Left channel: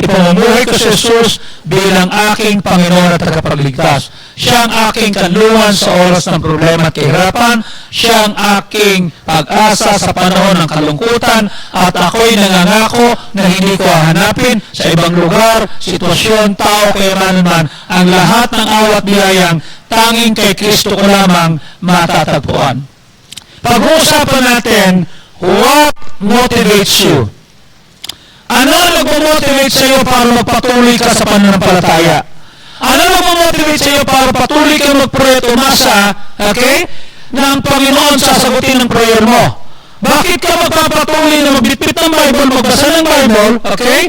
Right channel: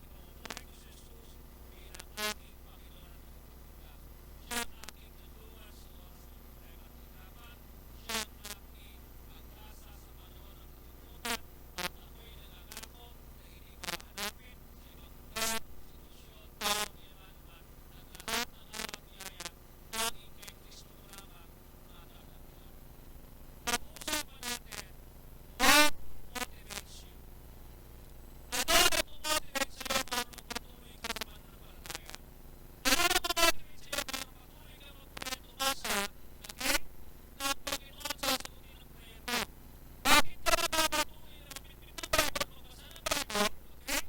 ipamumuhay ko si Jesus bilang aking Panginoon at tagapagligtas. Siya ang aking kanluran sa oras ng problema at kahirapan. Siya ang aking pag-asa sa panahon ng kalungkutan. At ako'y nangangako na hindi ko hahanapin sa ibang lugar, sitwasyon, tao, kayamanan man, ang lahat ng awat biyayang tanging kay Kristo ko lamang matatagpuan. Pag-uusapan natin, what motivates you? Ano ang nagmo-motivate sa iyo para magpatuloy ka sa pananampalataya? Ano ang nagmo-motivate sa iyo para patuloy ka mag-pray at umasa, okay, na ang Panginoon sasagutin ng prayer mo? Bakit ka magpapatuloy na magbitbit ng Bible, magbasa ng Bible, okay?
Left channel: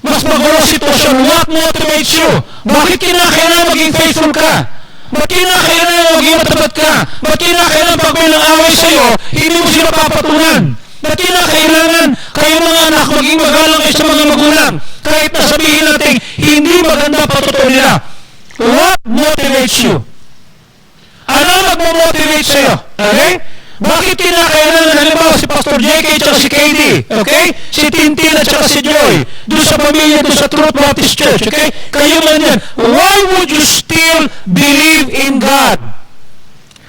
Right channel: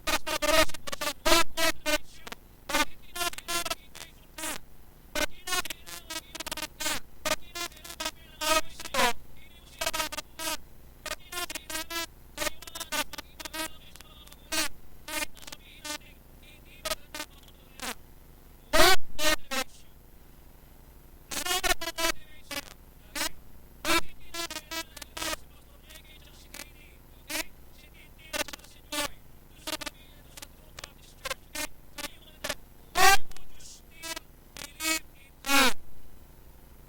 Mas magulo sitwasyon. What motivates you? Bakit kinakailangan maging faithful ka? Bakit kinakailangan maging matapat ka? Bakit kinakailangan pag may nang-away sa iyo, hindi mo sila papatunan? Bakit kinakailangan kayo mga anak maging magalang kayo sa mga magulang? Kahit na sabihin natin, hindi maganda patutunan nila. What motivates you? Ano nagmo-motivate sa iyo? Okay? Bakit kinakailangan, halimbawa si Pastor JK at si KD, okay? Si Tintin at si Joy, doon sa pamilya, doon sa Truth Baptist Church, okay? Kayo man yan. Why would you still believe in God?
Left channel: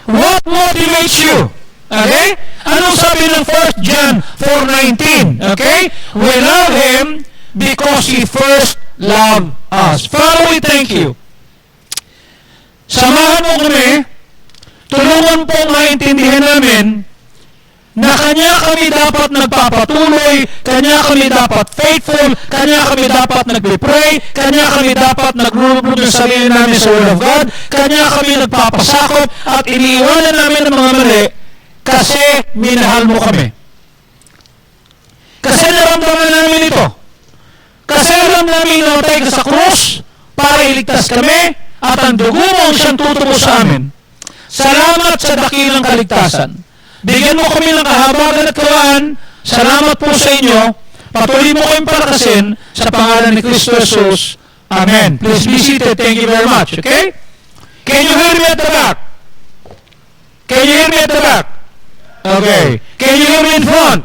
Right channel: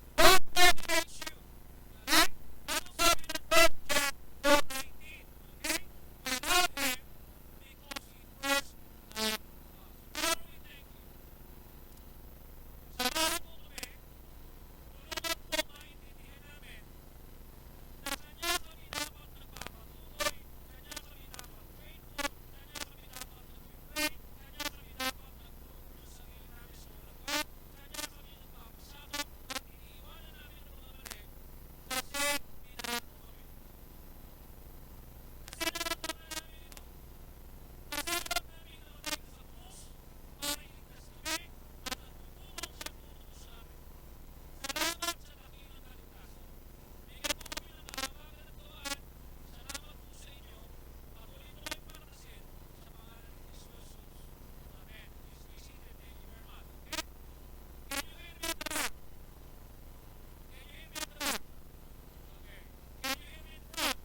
What motivates you? Okay? Anong sabi ng 1 John 4:19? Okay? We love Him because He first loved us. Father, we thank you. Samahan mo kami, tulungan po maintindihan namin na Kanya kami dapat nagpapatuloy, Kanya kami dapat faithful, Kanya kami dapat nagpipray, Kanya kami dapat naglulubog ng sarili namin sa Word of God, Kanya kami nagpapasakop at iniiwanan namin ng mga mali kasi minahal mo kami. Kasi naramdaman namin ito. Kasi alam namin namatay ka sa krus para iligtas kami at ang dugo mo ang siyang tutubo sa amin. Salamat sa dakilang kaligtasan. Bigyan mo kami ng kahabagan at kawaan. Salamat po sa inyo. Patuloy mo kayong palakasin sa pangalan ni Kristo Jesus. Amen. Please be seated. Thank you very much. Okay? Can you hear me at the back? Can you hear me at the back? Okay. Can you hear me in front?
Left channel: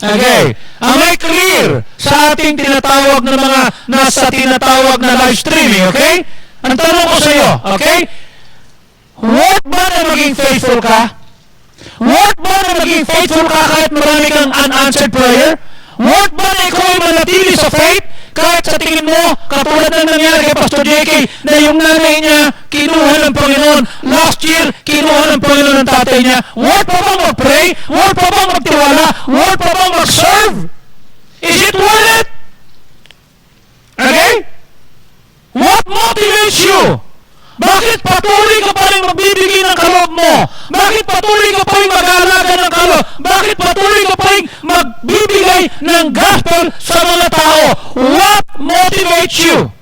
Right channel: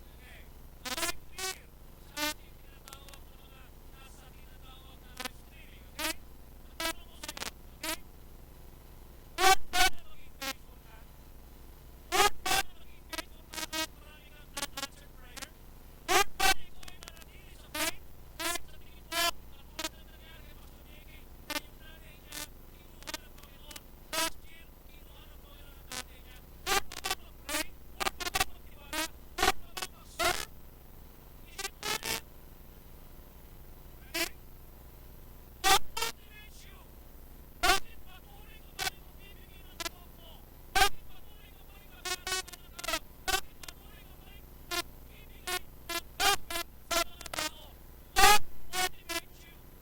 Okay. Am I clear sa ating tinatawag na mga nasa tinatawag na live streaming? Okay? Ang tanong ko sa iyo, okay? What ba na maging faithful ka? What ba na maging faithful ka kahit marami kang unanswered prayer? What ba na ikaw ay manatili sa faith kahit sa tingin mo, katulad ng nangyari kay Pastor JK, na yung nanay niya kinuha ng Panginoon, last year kinuha ng Panginoon ng tatay niya? What pa bang mag-pray? What pa bang magtiwala? What pa bang mag-serve? Is it worth it? Okay? What motivates you? Bakit patuloy ka pa rin magbibigay ng kaloob mo? Bakit patuloy ka pa rin mag-aalaga ng kaloob? Bakit patuloy ka pa rin magbibigay ng gospel sa mga tao? What motivates you?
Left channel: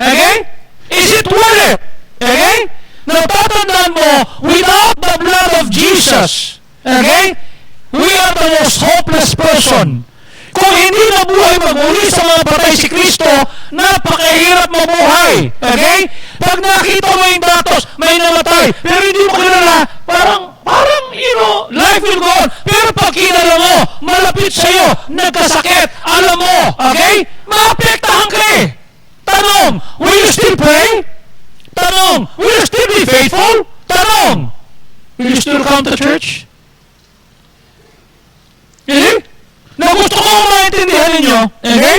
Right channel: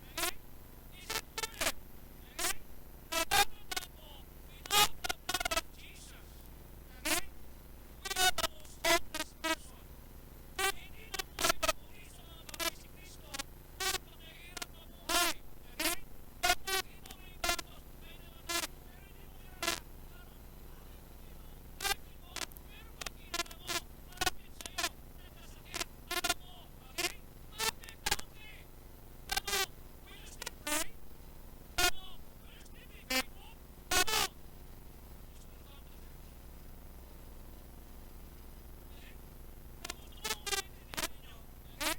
Okay? Is it worth it? Okay? Natatandaan mo, without the blood of Jesus, okay, we are the most hopeless person. Kung hindi nabuhay magmuli sa mga patay si Kristo, napakahirap mabuhay. Okay? Pag nakita mo yung datos, may namatay, pero hindi mo kilala, parang, life will go on. Pero pag kilala mo, malapit sa'yo, nagkasakit, alam mo, okay? Maapektahan ka eh. Tanong, will you still pray? Tanong, will you still be faithful? Tanong, will you still come to church? Okay? Na gusto kong maintindihan ninyo, okay?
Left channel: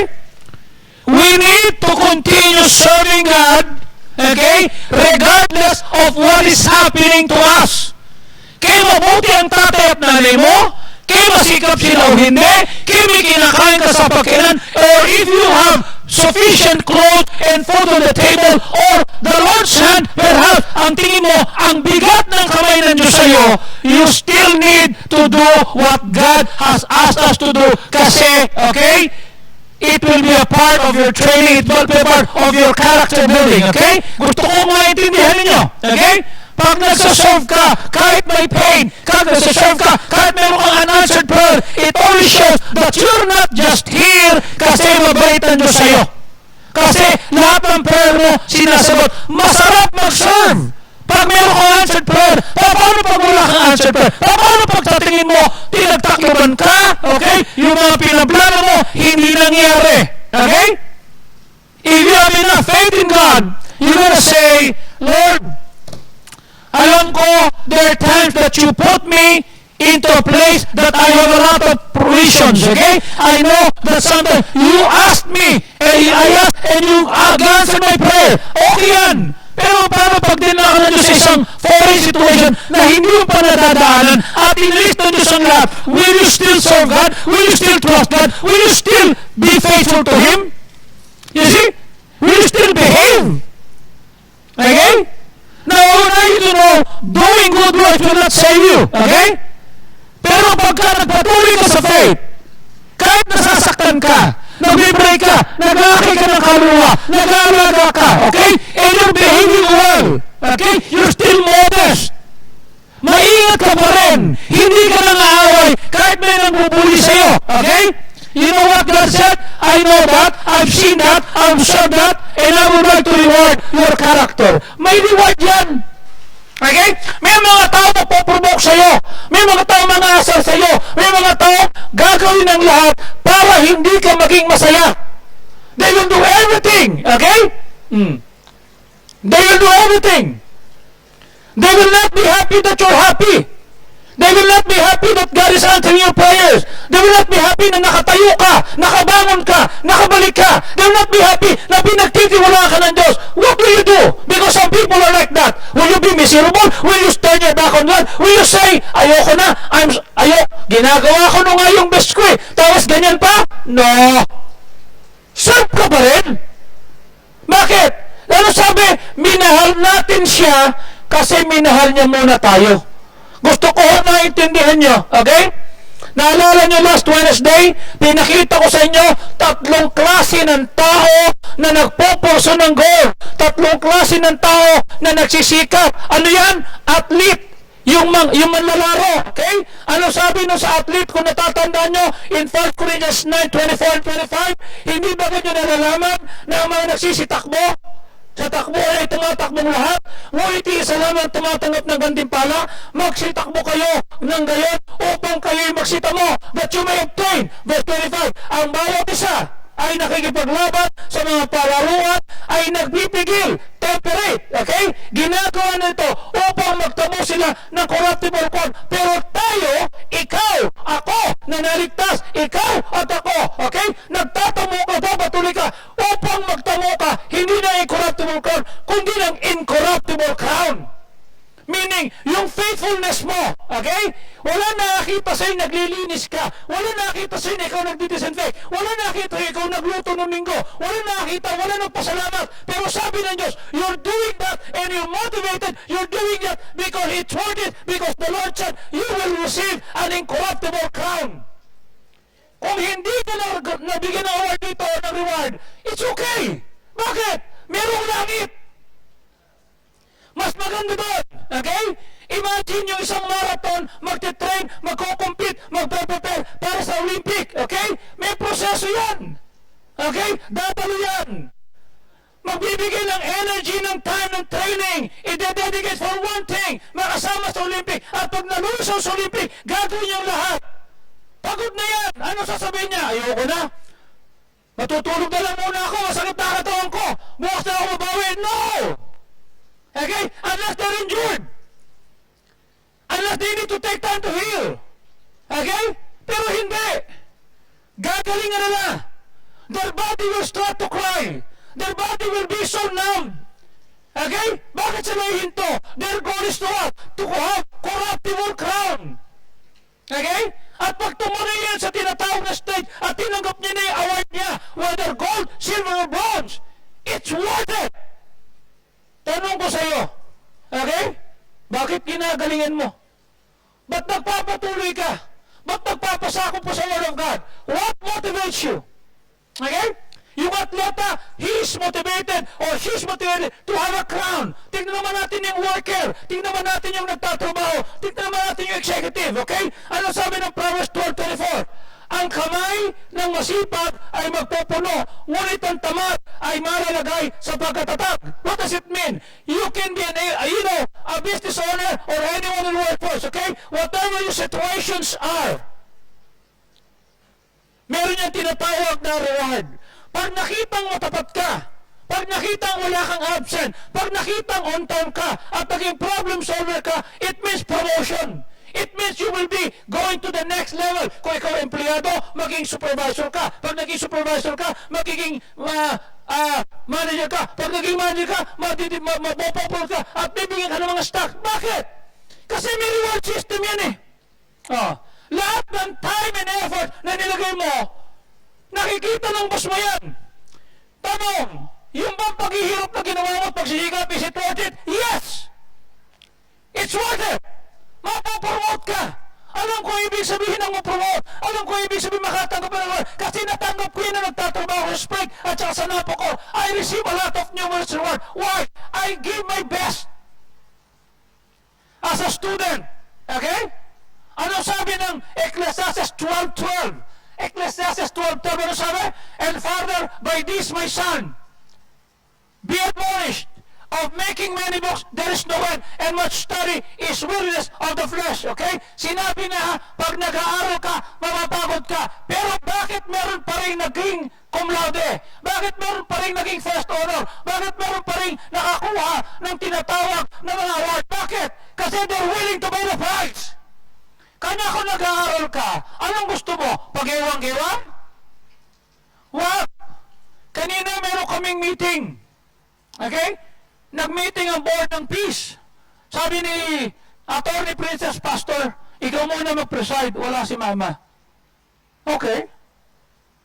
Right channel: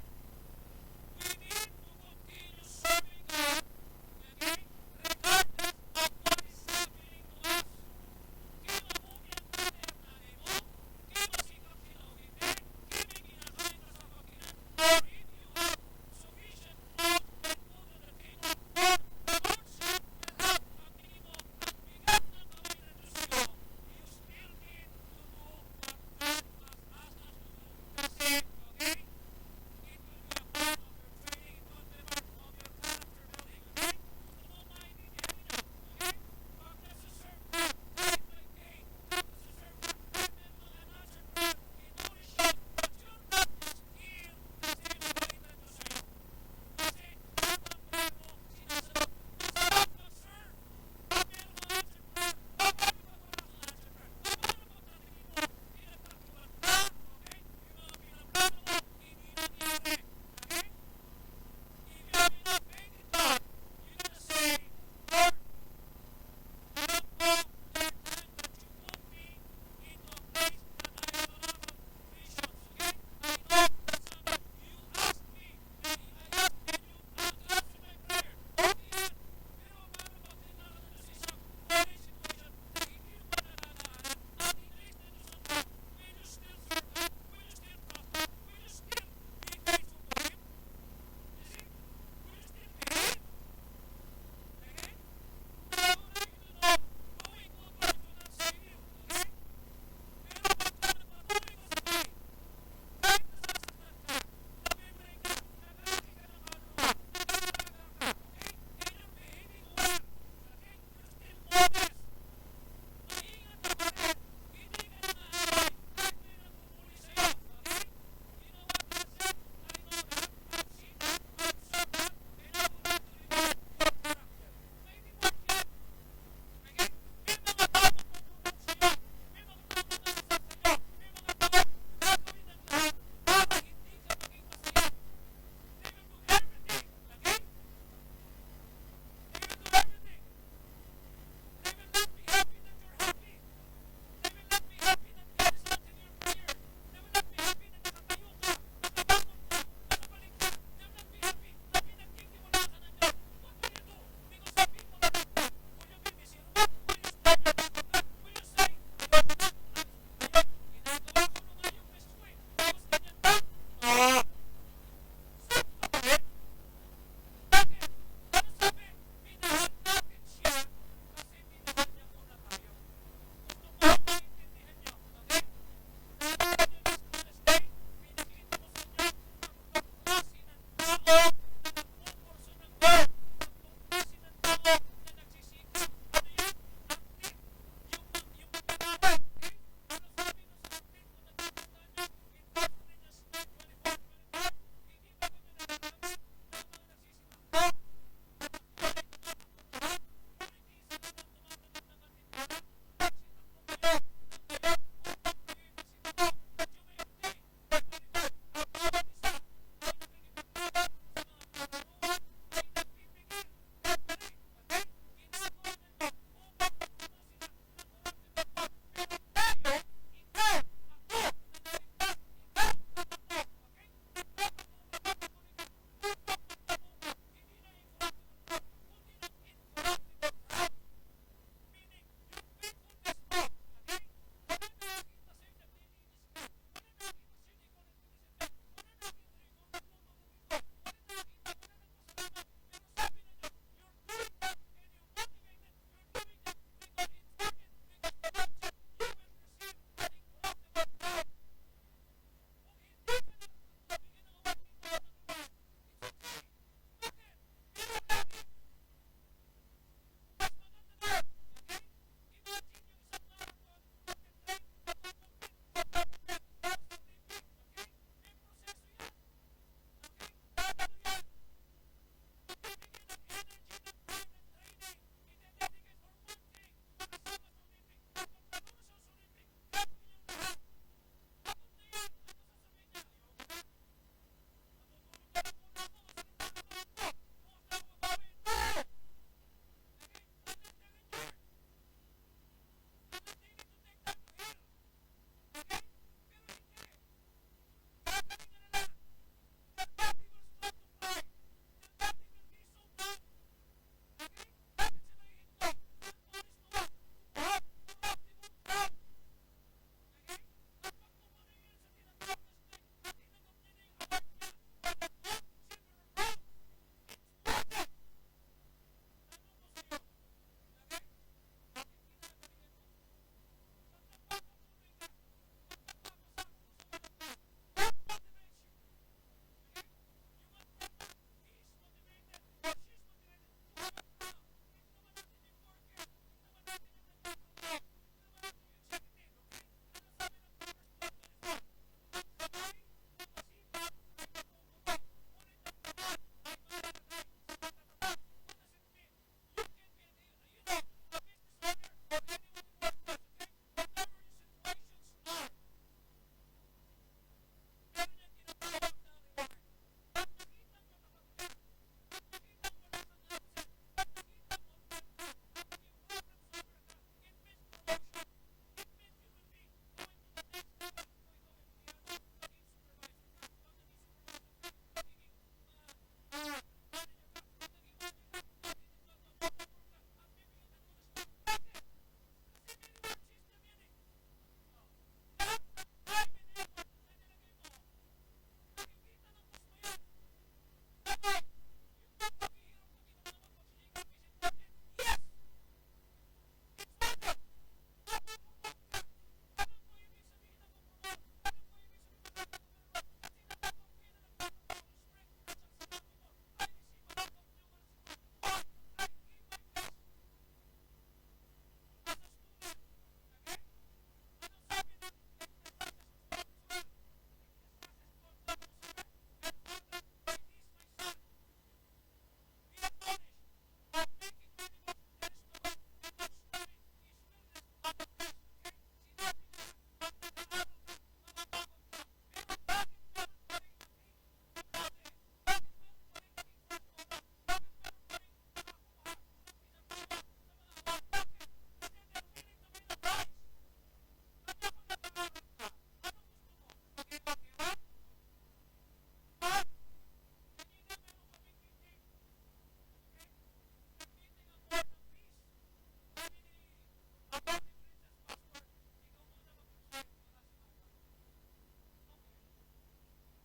We need to continue serving God, okay? Regardless of what is happening to us. Kaya mabuti ang tatay at nanay mo, kaya masikap sila o hindi, kaya may kinakain ka sa pagkainan, or if you have sufficient clothes and food on the table, or the Lord's hand, perhaps, ang tingin mo, ang bigat ng kamay ng Diyos sa'yo, you still need to do what God has asked us to do. Kasi, okay, it will be a part of your training, it will be a part of your character building, okay? Gusto ko maintindihan ninyo, okay? Pag nagsaserve ka, kahit may pain, kahit nagsaserve ka, kahit meron kang unanswered prayer, it only shows that you're not just here kasi mabait ang Diyos sa'yo. Kasi lahat ng prayer mo sinasagot. Masarap mag-serve pag meron kang answered prayer? Paano pag wala kang answered prayer? Paano pag sa tingin mo, tinagtakloban ka? Okay? Yung mga pinaplano mo, hindi nangyari. Okay? If you have enough faith in God, you're gonna say, Lord, alam ko, there are times that you put me into a place that I have a lot of provisions, okay? I know that sometimes you asked me, and I asked, and you answered my prayer. Okay yan. Pero paano pag dinala ka na Diyos sa isang foreign situation na hindi mo pa nadadaanan at inilis na Diyos ang lahat, will you still serve God? Will you still trust God? Will you still be faithful to Him? You see? Will you still behave? Okay? Now, I want you to know, doing good works will not save you. Okay? Pero pagka nagpatuloy ka sa faith, kahit nasasaktan ka, nag-break ka, nag-aakay ka ng kaluluwa, nag-aalaga ka, okay? And you're behaving well, okay? You're still modest. Maingat ka pa rin. Hindi ka nang aaway kahit may nagbubuli sa'yo, okay? You know what God said? I know that, I've seen that, I've observed that, and I would like to reward your character. May reward yan. Okay? May mga tao na poprovoke sa'yo. May mga tao mga asal sa'yo. May mga tao gagawin ang lahat para hindi ka maging masaya. They will do everything. Okay? They will do everything. They will not be happy that you're happy. They will not be happy that God is answering your prayers. They will not be happy na nakatayo ka, nakabangon ka, nakabalik ka. They will not be happy na pinagtitiwala ka ng Diyos. What will you do? Because some people are like that. Will you be miserable? Will you turn your back on God? Will you say, ayoko na, ginagawa ko na nga yung best ko eh. Tapos ganyan pa? No. Serve ka pa rin. Bakit? Ano sabi? Minahal natin siya kasi minahal niya muna tayo. Gusto ko naintindihan nyo, okay? Naalala nyo last Wednesday, pinakita ko sa inyo, 3 klase ng tao na nagpoporso ng goal. 3 klase ng tao na nagsisikap. Ano yan? Athlete. Yung manlalaro, okay? Ano sabi no sa athlete, kung natatandaan nyo, in 1 Corinthians 9:24 and 25, hindi ba ganyan nalalaman na mga nagsisitakbo? Sa takbo ay tumatakbong lahat. Ngunit isa lamang tumatanggap ng gantimpala. Magsitakbo kayo ng gayon upang kayo'y magsita mo, that you may obtain. Verse 25, ang bawat isa ay nakikipaglaban sa mga palaruan, ay nagbibigil, temperate, okay? Ginagawa nito upang magtamo sila ng corruptible corn. Pero tayo, ikaw, ako, na naligtas, ikaw at ako, okay? Nagtatamo ka, papatuloy ka, upang magtamo ka, hindi na incorruptible corn, kundi ng incorruptible crown. Meaning, yung faithfulness mo, okay? Wala nakakita sa'yo naglilinis ka. Wala nakakita sa'yo na ikaw nagdidisinfect. Wala nakakita sa'yo ikaw nagluto ng linggo. Wala nakakita, wala nagpasalamat. Pero sabi ng Diyos, you're doing that and you're motivated. You're doing that because it's worth it. Because the Lord said, you will receive an incorruptible crown. Kung hindi ka nabigyan ng award dito o ng reward, it's okay. Bakit? Merong langit. Mas maganda doon. Okay? Imagine yung isang marathon, magte-train, magko-compete, magpe-prepare para sa Olympic. Okay? May proseso yan. Okay? Dadalo yan. Magbibigay ng energy, ng time, ng training. I-dedicate for one thing, makasama sa Olympic. At pag nalusaw sa Olympic, gagawin niyang lahat. Pagod na yan. Ano sasabihin niya? Ayoko na. Matutulog na lang muna ako. Masakit na katawan ko. Bukas na ako mabawi. No! Okay? Unless they're injured. Unless they need to take time to heal. Okay? Pero hindi. Gagalingan nila. Their body will start to cry. Their body will be so numb. Okay? Bakit sila hinto? Their goal is to what? To have corruptible crown. Okay? At pag tumuloy yan sa tinatawag na stage at tinanggap niya na yung award niya, whether gold, silver, or bronze, it's worth it. Tanong ko sa iyo, okay? Bakit ginagalingan mo? Ba't nagpapatuloy ka? Ba't nagpapasakop po sa Word of God? What motivates you? Okay? Yung atleta, he is motivated or she is motivated to have a crown. Tingnan naman natin yung worker. Tingnan naman natin yung nagtatrabaho. Tingnan naman natin yung executive. Okay? Ano sabi ng Proverbs 12:24? Ang kamay ng masipag ay magpupuno, ngunit ang tamad ay malalagay sa pagkatatag. What does it mean? You can be a business owner or anyone in the workforce, okay? Whatever your situations are, meron niyang tinatawag na reward. Pag nakitang matapat ka, pag nakitang wala kang absent, pag nakitang on time ka, at naging problem solver ka, it means promotion. It means you will be going to the next level. Kung ikaw empleyado, maging supervisor ka. Pag naging supervisor ka, magiging manager ka. Pag naging manager ka, mapopopol ka at bibigyan ka ng mga stock. Bakit? Kasi may reward system yan eh. Lahat ng time and effort na nilagay mo, nakikita ng boss mo yan. Tanong, yung bang paghihirap na ginawa mo at pagsisikap, is it worth it? Yes! It's worth it! Mapopromote ka. Alam ko ibig sabihin ng mapromote. Alam ko ibig sabihin makatanggap ng reward. Kasi natanggap ko yun na nagtatrabaho sa Spring at saka sa Napo ko. I receive a lot of numerous reward. Why? I give my best. As a student. Okay? Ano sabi ng Ecclesiastes 12:12? Ecclesiastes 12:12, ano sabi? And Father, by this my son, be admonished of making many books, there is no end, and much study is weariness of the flesh. Okay? Sinabi na, pag nag-aaral ka, mapapagod ka. Pero bakit meron pa rin naging cum laude? Bakit meron pa rin naging first honor? Bakit meron pa rin nakakuha ng tinatawag na mga award? Bakit? Kasi they're willing to pay the price. Kanya kung nag-aaral ka, anong gusto mo? Pag-iwang-iwang? Wag! Kanina meron kaming meeting. Okay? Nag-meeting ang board ng peace. Sabi ni Attorney Princess, Pastor, ikaw muna mag-preside, wala si Mama. Okay.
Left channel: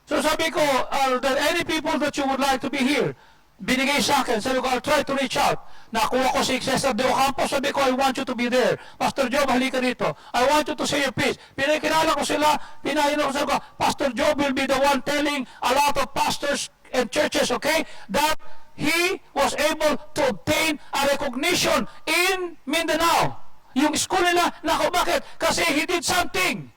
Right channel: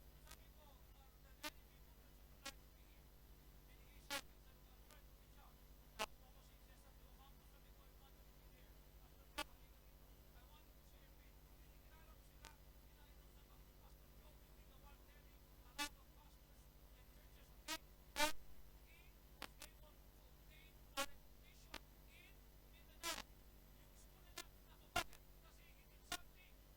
So sabi ko, are there any people that you would like to be here? Binigay sa akin. Sabi ko, I'll try to reach out. Nakuha ko si Cesar de Ocampo. Sabi ko, I want you to be there. Pastor Job, halika rito. I want you to say your piece. Pinakilala ko sila. Pinahinom ko sabi ko, Pastor Job will be the one telling a lot of pastors and churches, okay, that he was able to obtain a recognition in Mindanao. Yung school nila, naku, bakit? Kasi he did something.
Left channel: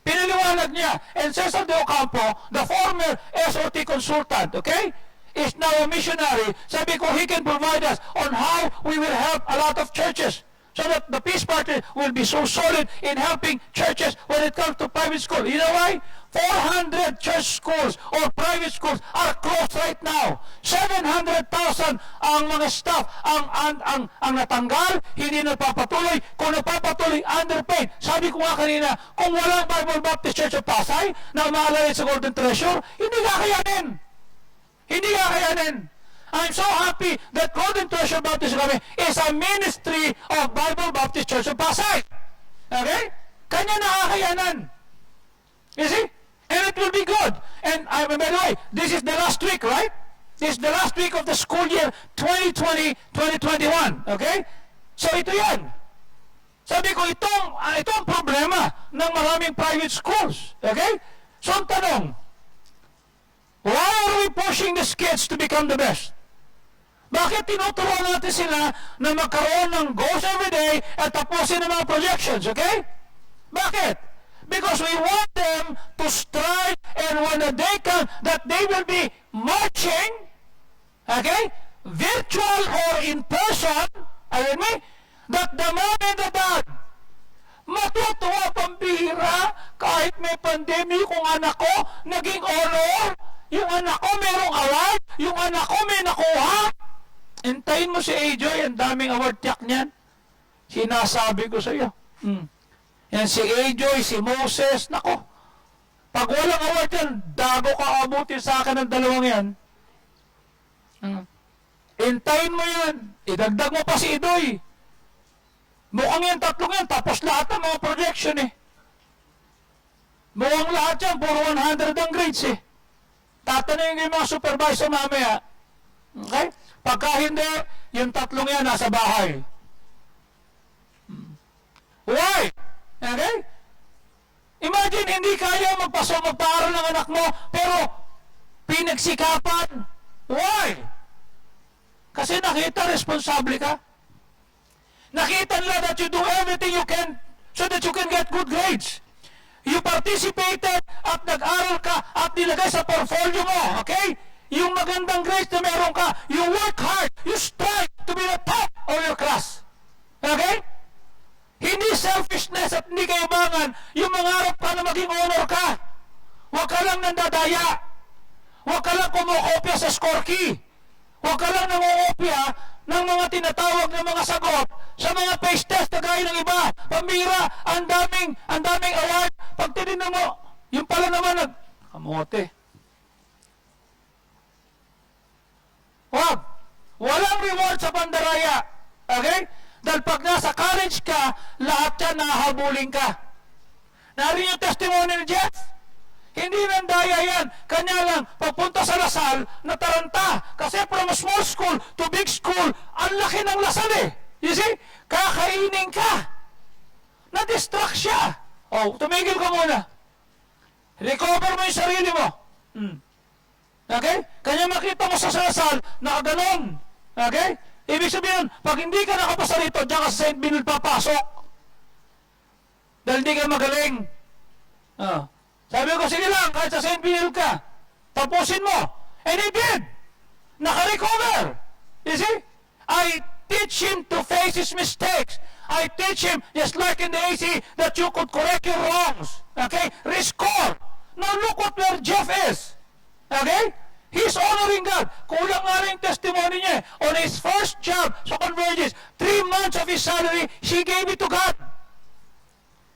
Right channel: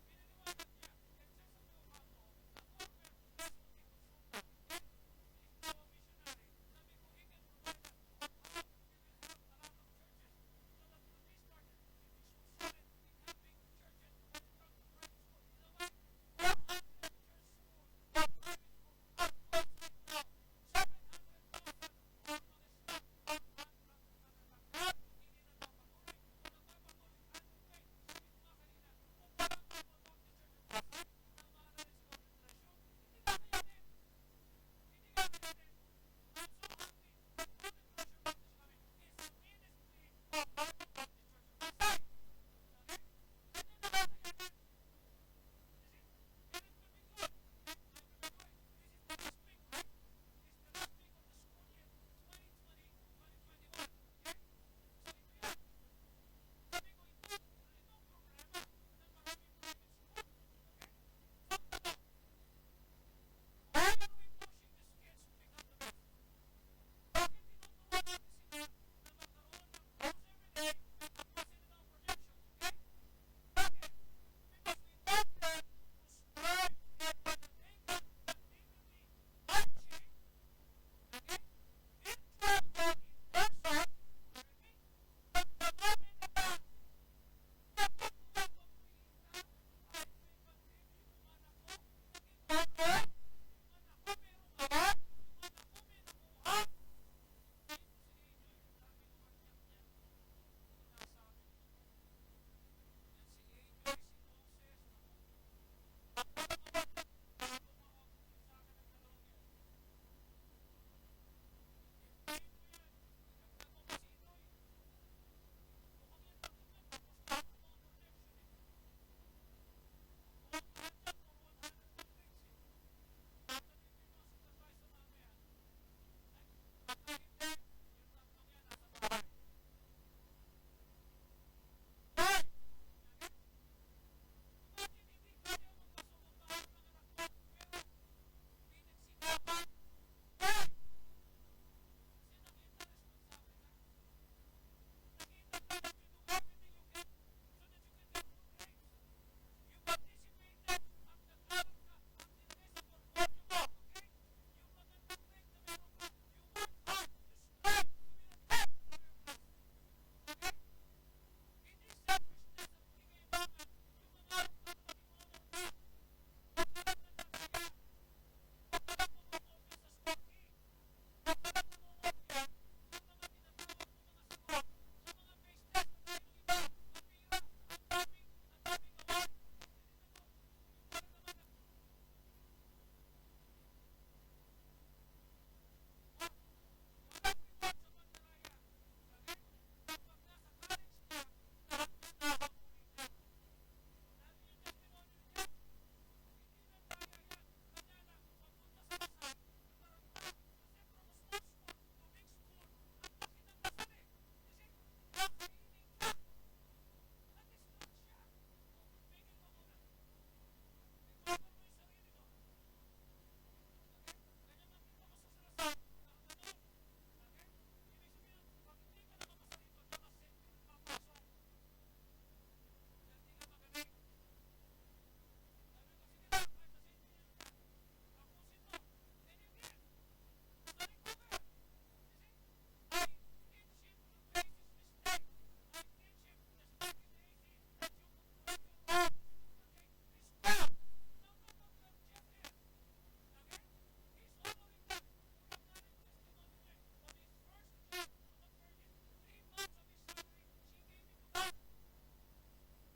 Pinaliwanag niya. And Cesar de Ocampo, the former SOT consultant, okay, is now a missionary. Sabi ko, he can provide us on how we will help a lot of churches. So that the Peace Party will be so solid in helping churches when it comes to private school. You know why? 400 church schools or private schools are closed right now. 700,000 ang mga staff ang natanggal, hindi nagpapatuloy. Kung nagpapatuloy, underpaid. Sabi ko nga kanina, kung walang Bible Baptist Church of Pasay na umalalay sa Golden Treasure, hindi kakayanin. Hindi kakayanin. I'm so happy that Golden Treasure Baptist Academy is a ministry of Bible Baptist Church of Pasay. Okay? Kanya nakakayanan. You see? And it will be good. And by the way, this is the last week, right? This is the last week of the school year 2020-2021. Okay? So ito yan. Sabi ko, itong problema ng maraming private schools. Okay? So ang tanong, why are we pushing these kids to become the best? Bakit tinuturuan natin sila na magkaroon ng goals every day at tapusin ang mga projections, okay? Bakit? Because we want them to strive, and when the day comes that they will be marching, okay, virtual or in person, ayun me, that the moment that matutuwa pambihira kahit may pandemic kung anak ko naging honor, yung anak ko merong award, yung anak ko may nakuha. Hintayin mo si AJ, ang daming award tiyak niyan. Sinasabi ko sa iyo. Yan si AJ, si Moses, nako. Pag walang award yan, dago ka abutin sa akin ng dalawang yan. Hintayin mo yan. Idagdag mo pa si Idoy. Mukhang yan, tatlong yan, tapos lahat ng mga projection eh. Mukhang lahat yan, puro 100 ang grades eh. Tatanungin yung mga supervisor mamaya. Okay? Pagka hindi, yung tatlong yan nasa bahay. Why? Okay? Imagine, hindi kaya magpaaral ng anak mo, pero pinagsikapan. Why? Kasi nakita, responsable ka. Nakita nila that you do everything you can so that you can get good grades. You participated at nag-aral ka at nilagay sa portfolio mo, okay? Yung magandang grades na meron ka, you work hard, you strive to be the top of your class. Okay? Hindi selfishness at hindi kayubangan yung mangarap ka na maging honor ka. Huwag ka lang nandadaya. Huwag ka lang kumukopya sa score key. Huwag ka lang nangungopya ng mga tinatawag na mga sagot sa mga face test na gaya ng iba. Pambira, ang daming award. Pag tinignan mo, yung pala naman kamote. Huwag. Walang reward sa bandaraya. Okay? Dahil pag nasa college ka, lahat yan nahabulin ka. Narinig yung testimony ni Jeff? Hindi nandaya yan. Kanya lang, papunta sa Lasal, nataranta. Kasi from small school to big school, ang laki ng Lasal eh. You see? Kakainin ka. Na-distract siya. Oh, tumigil ka muna. Recover mo yung sarili mo. Okay? Kanya makita mo sa Lasal, nakaganon. Okay? Ibig sabihin, pag hindi ka nakapasa rito, diyan ka sa St. Benil papasok. Dahil hindi ka magaling. Sabi ko, sige lang, kahit sa St. Benil ka, tapusin mo. And he did. Naka-recover. You see? I teach him to face his mistakes. I teach him, just like in the AC, that you could correct your wrongs. Okay? Rescore. Now look what where Jeff is. Okay? He's honoring God. Kulang nga rin testimony niya. On his first job sa Convergence, 3 months of his salary, she gave it to God.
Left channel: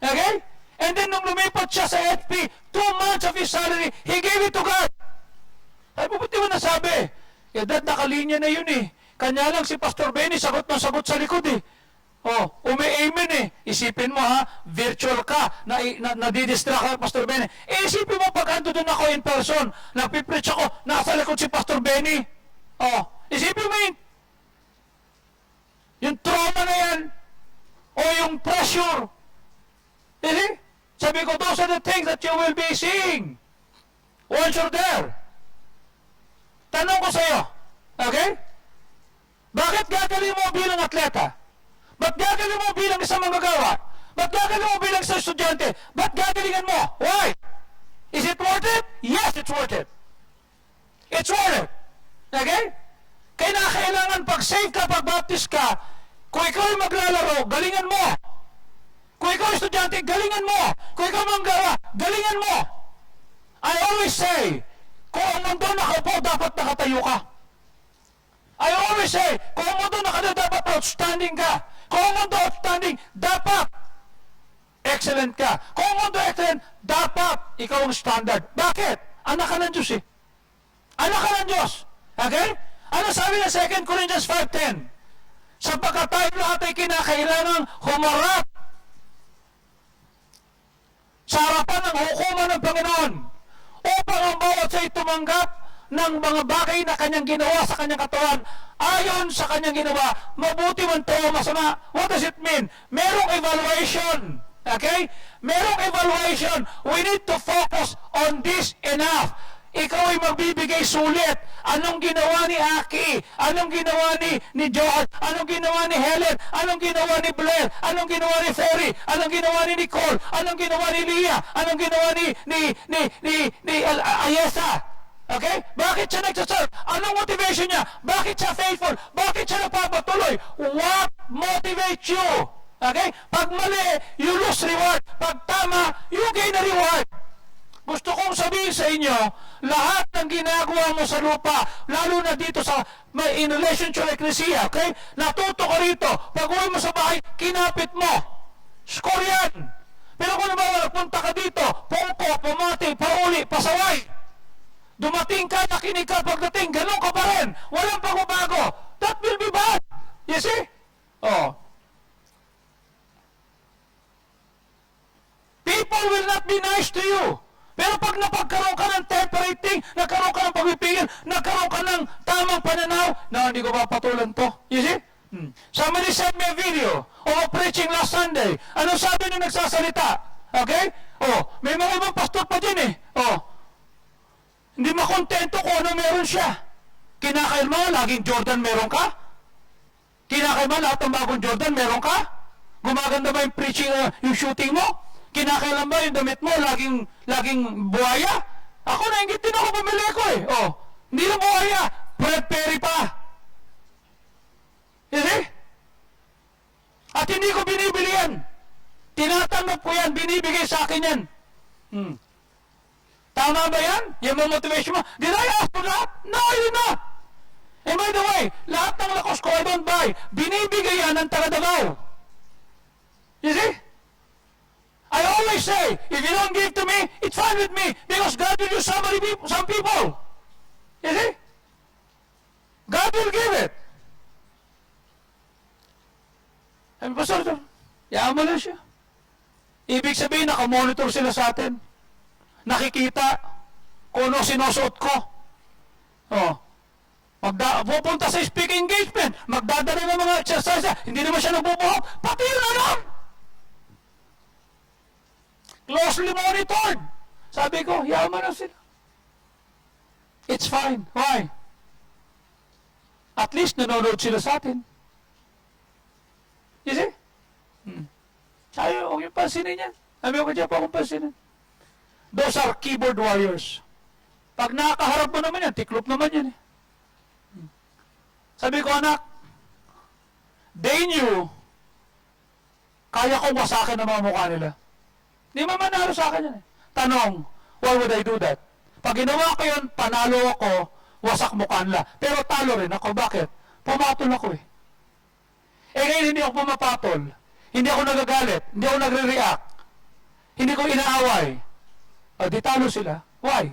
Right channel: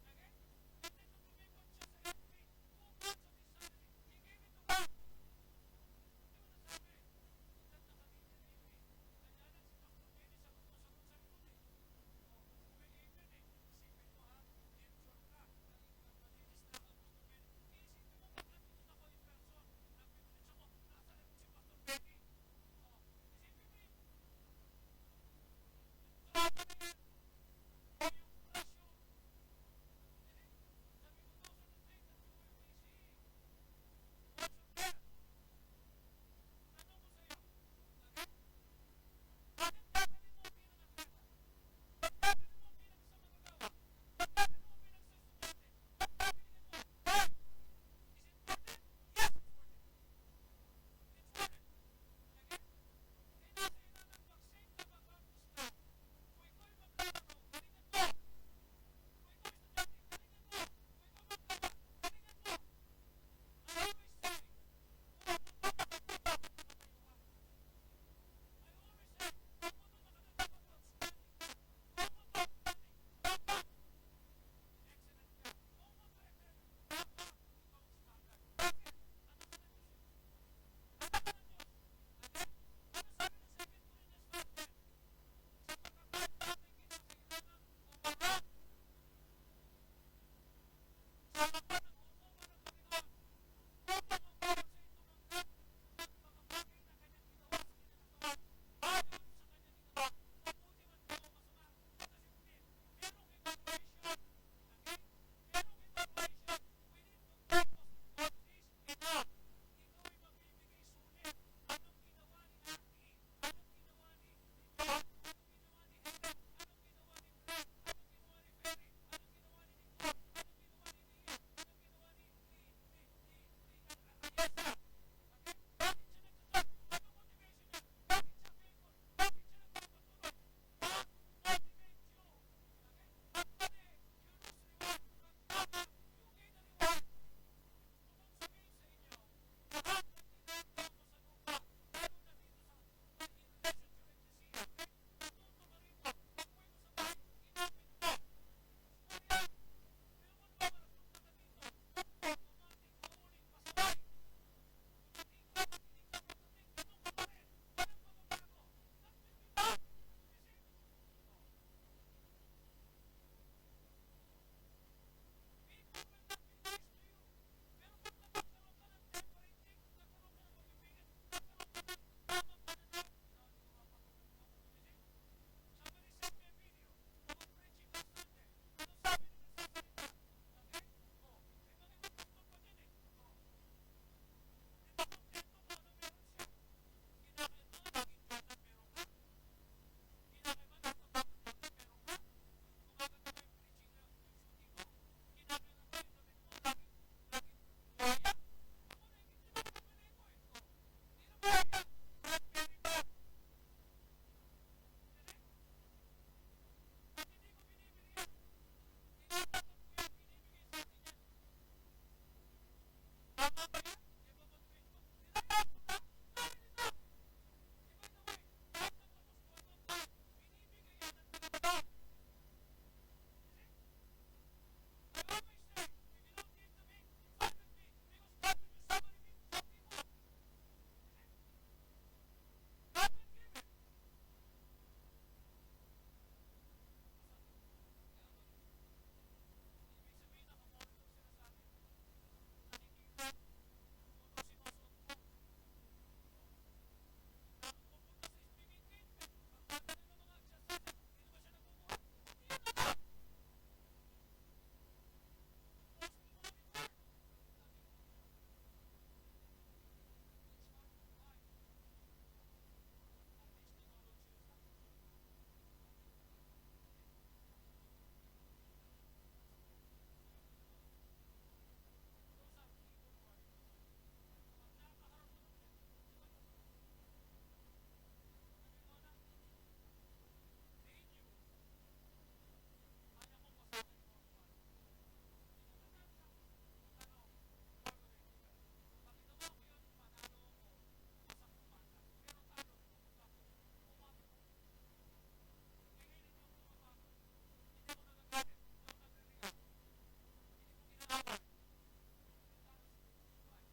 Okay? And then nung lumipat siya sa FP, 2 months of his salary, he gave it to God. Ay, buti mo nasabi. Eh, dad, nakalinya na yun eh. Kanya lang si Pastor Benny, sagot ng sagot sa likod eh. Oh, umi-amen eh. Isipin mo ha, virtual ka, nadidistract ka, Pastor Benny. Eh, isipin mo pag ando doon ako in person, nagpipreach ako, nasa likod si Pastor Benny. Oh, isipin mo yung trauma na yan, o yung pressure. Eh, sabi ko, those are the things that you will be seeing once you're there. Tanong ko sa'yo, okay? Bakit gagaling mo bilang atleta? Ba't gagaling mo bilang isang manggagawa? Ba't gagaling mo bilang isang estudyante? Ba't gagalingan mo? Why? Is it worth it? Yes, it's worth it. It's worth it. Okay? Kailangan pag save ka, pag baptist ka, kung ikaw ay maglalaro, galingan mo. Kung ikaw ay estudyante, galingan mo. Kung ikaw manggawa, galingan mo. I always say, kung ang mundo nakaupo, dapat nakatayo ka. I always say, kung ang mundo nakatayo, dapat outstanding ka. Kung ang mundo outstanding, dapat excellent ka. Kung ang mundo excellent, dapat ikaw ang standard. Bakit? Anak ka ng Diyos eh. Anak ka ng Diyos. Okay? Ano sabi ng 2 Corinthians 5:10? Sapagkat tayo lahat ay kinakailangang humarap sa harapan ng hukuman ng Panginoon upang ang bawat sa'y tumanggap ng mga bagay na kanyang ginawa sa kanyang katawan ayon sa kanyang ginawa, mabuti man to o masama. What does it mean? Merong evaluation. Okay? Merong evaluation. We need to focus on this enough. Ikaw ay magbibigay sulit. Anong ginawa ni Aki? Anong ginawa ni George? Anong ginawa ni Helen? Anong ginawa ni Blair? Anong ginawa ni Ferry? Anong ginawa ni Nicole? Anong ginawa ni Leah? Anong ginawa ni Ayesa? Okay? Bakit siya nagsaserve? Anong motivation niya? Bakit siya faithful? Bakit siya napapatuloy? What motivates you? Okay? Pag mali, you lose reward. Pag tama, you gain a reward. Gusto kong sabihin sa inyo, lahat ng ginagawa mo sa lupa, lalo na dito sa in relation to ecclesia, okay? Natuto ka rito. Pag uwi mo sa bahay, kinapit mo. Score yan. Pero kung naman punta ka dito, pungko, pumati, pauli, pasaway. Dumating ka, nakinig ka, pagdating, ganun ka pa rin. Walang pagbabago. That will be bad. You see? Oh. People will not be nice to you. Pero pag napagkaroon ka ng temperating, nagkaroon ka ng pagpipigil, nagkaroon ka ng tamang pananaw, na hindi ko papatulan to. You see? Somebody sent me a video of preaching last Sunday. Ano sabi nung nagsasalita? Okay? Oh, may mga ibang pastor pa din eh. Oh, hindi makontento kung ano meron siya. Kinakailma, laging Jordan meron ka? Kinakailma, lahat ng bagong Jordan meron ka? Gumaganda ba yung preaching, yung shooting mo? Kinakailan ba yung damit mo laging buhaya? Ako nainggit din ako bumili ko eh. Oh, hindi na buhaya, Fred Perry pa. You see? At hindi ko binibili yan. Tinatanggap ko yan, binibigay sa akin yan. Tama ba yan? Yung mga motivation mo? Did I ask for that? No, I did not. And by the way, lahat ng lakos ko, I don't buy. Binibigay yan ng taga-Davao. You see? I always say, if you don't give to me, it's fine with me. Because God will use some people. You see? God will give it. Sabi, Pastor, yaman na siya. Ibig sabihin, nakamonitor sila sa atin. Nakikita kung ano sinusuot ko. Oh. Pupunta sa speaking engagement, magdadala ng mga exercise, hindi naman siya nagbubuhok, pati yun alam. Closely monitored. Sabi ko, yaman na sila. It's fine. Why? At least nanonood sila sa atin. You see? Sabi, huwag yung pansinin yan. Sabi ko dyan, huwag yung pansinin. Those are keyboard warriors. Pag nakakaharap mo naman yan, tiklop naman yan eh. Sabi ko, anak, they knew, kaya kong wasakin ang mga mukha nila. Hindi mamanalo sa akin yan eh. Tanong, why would I do that? Pag ginawa ko yun, panalo ako, wasak mukha nila. Pero talo rin ako. Bakit? Pumatol ako eh. Eh ngayon hindi ako pumapatol. Hindi ako nagagalit. Hindi ako nagre-react. Hindi ko inaaway. O di talo sila. Why?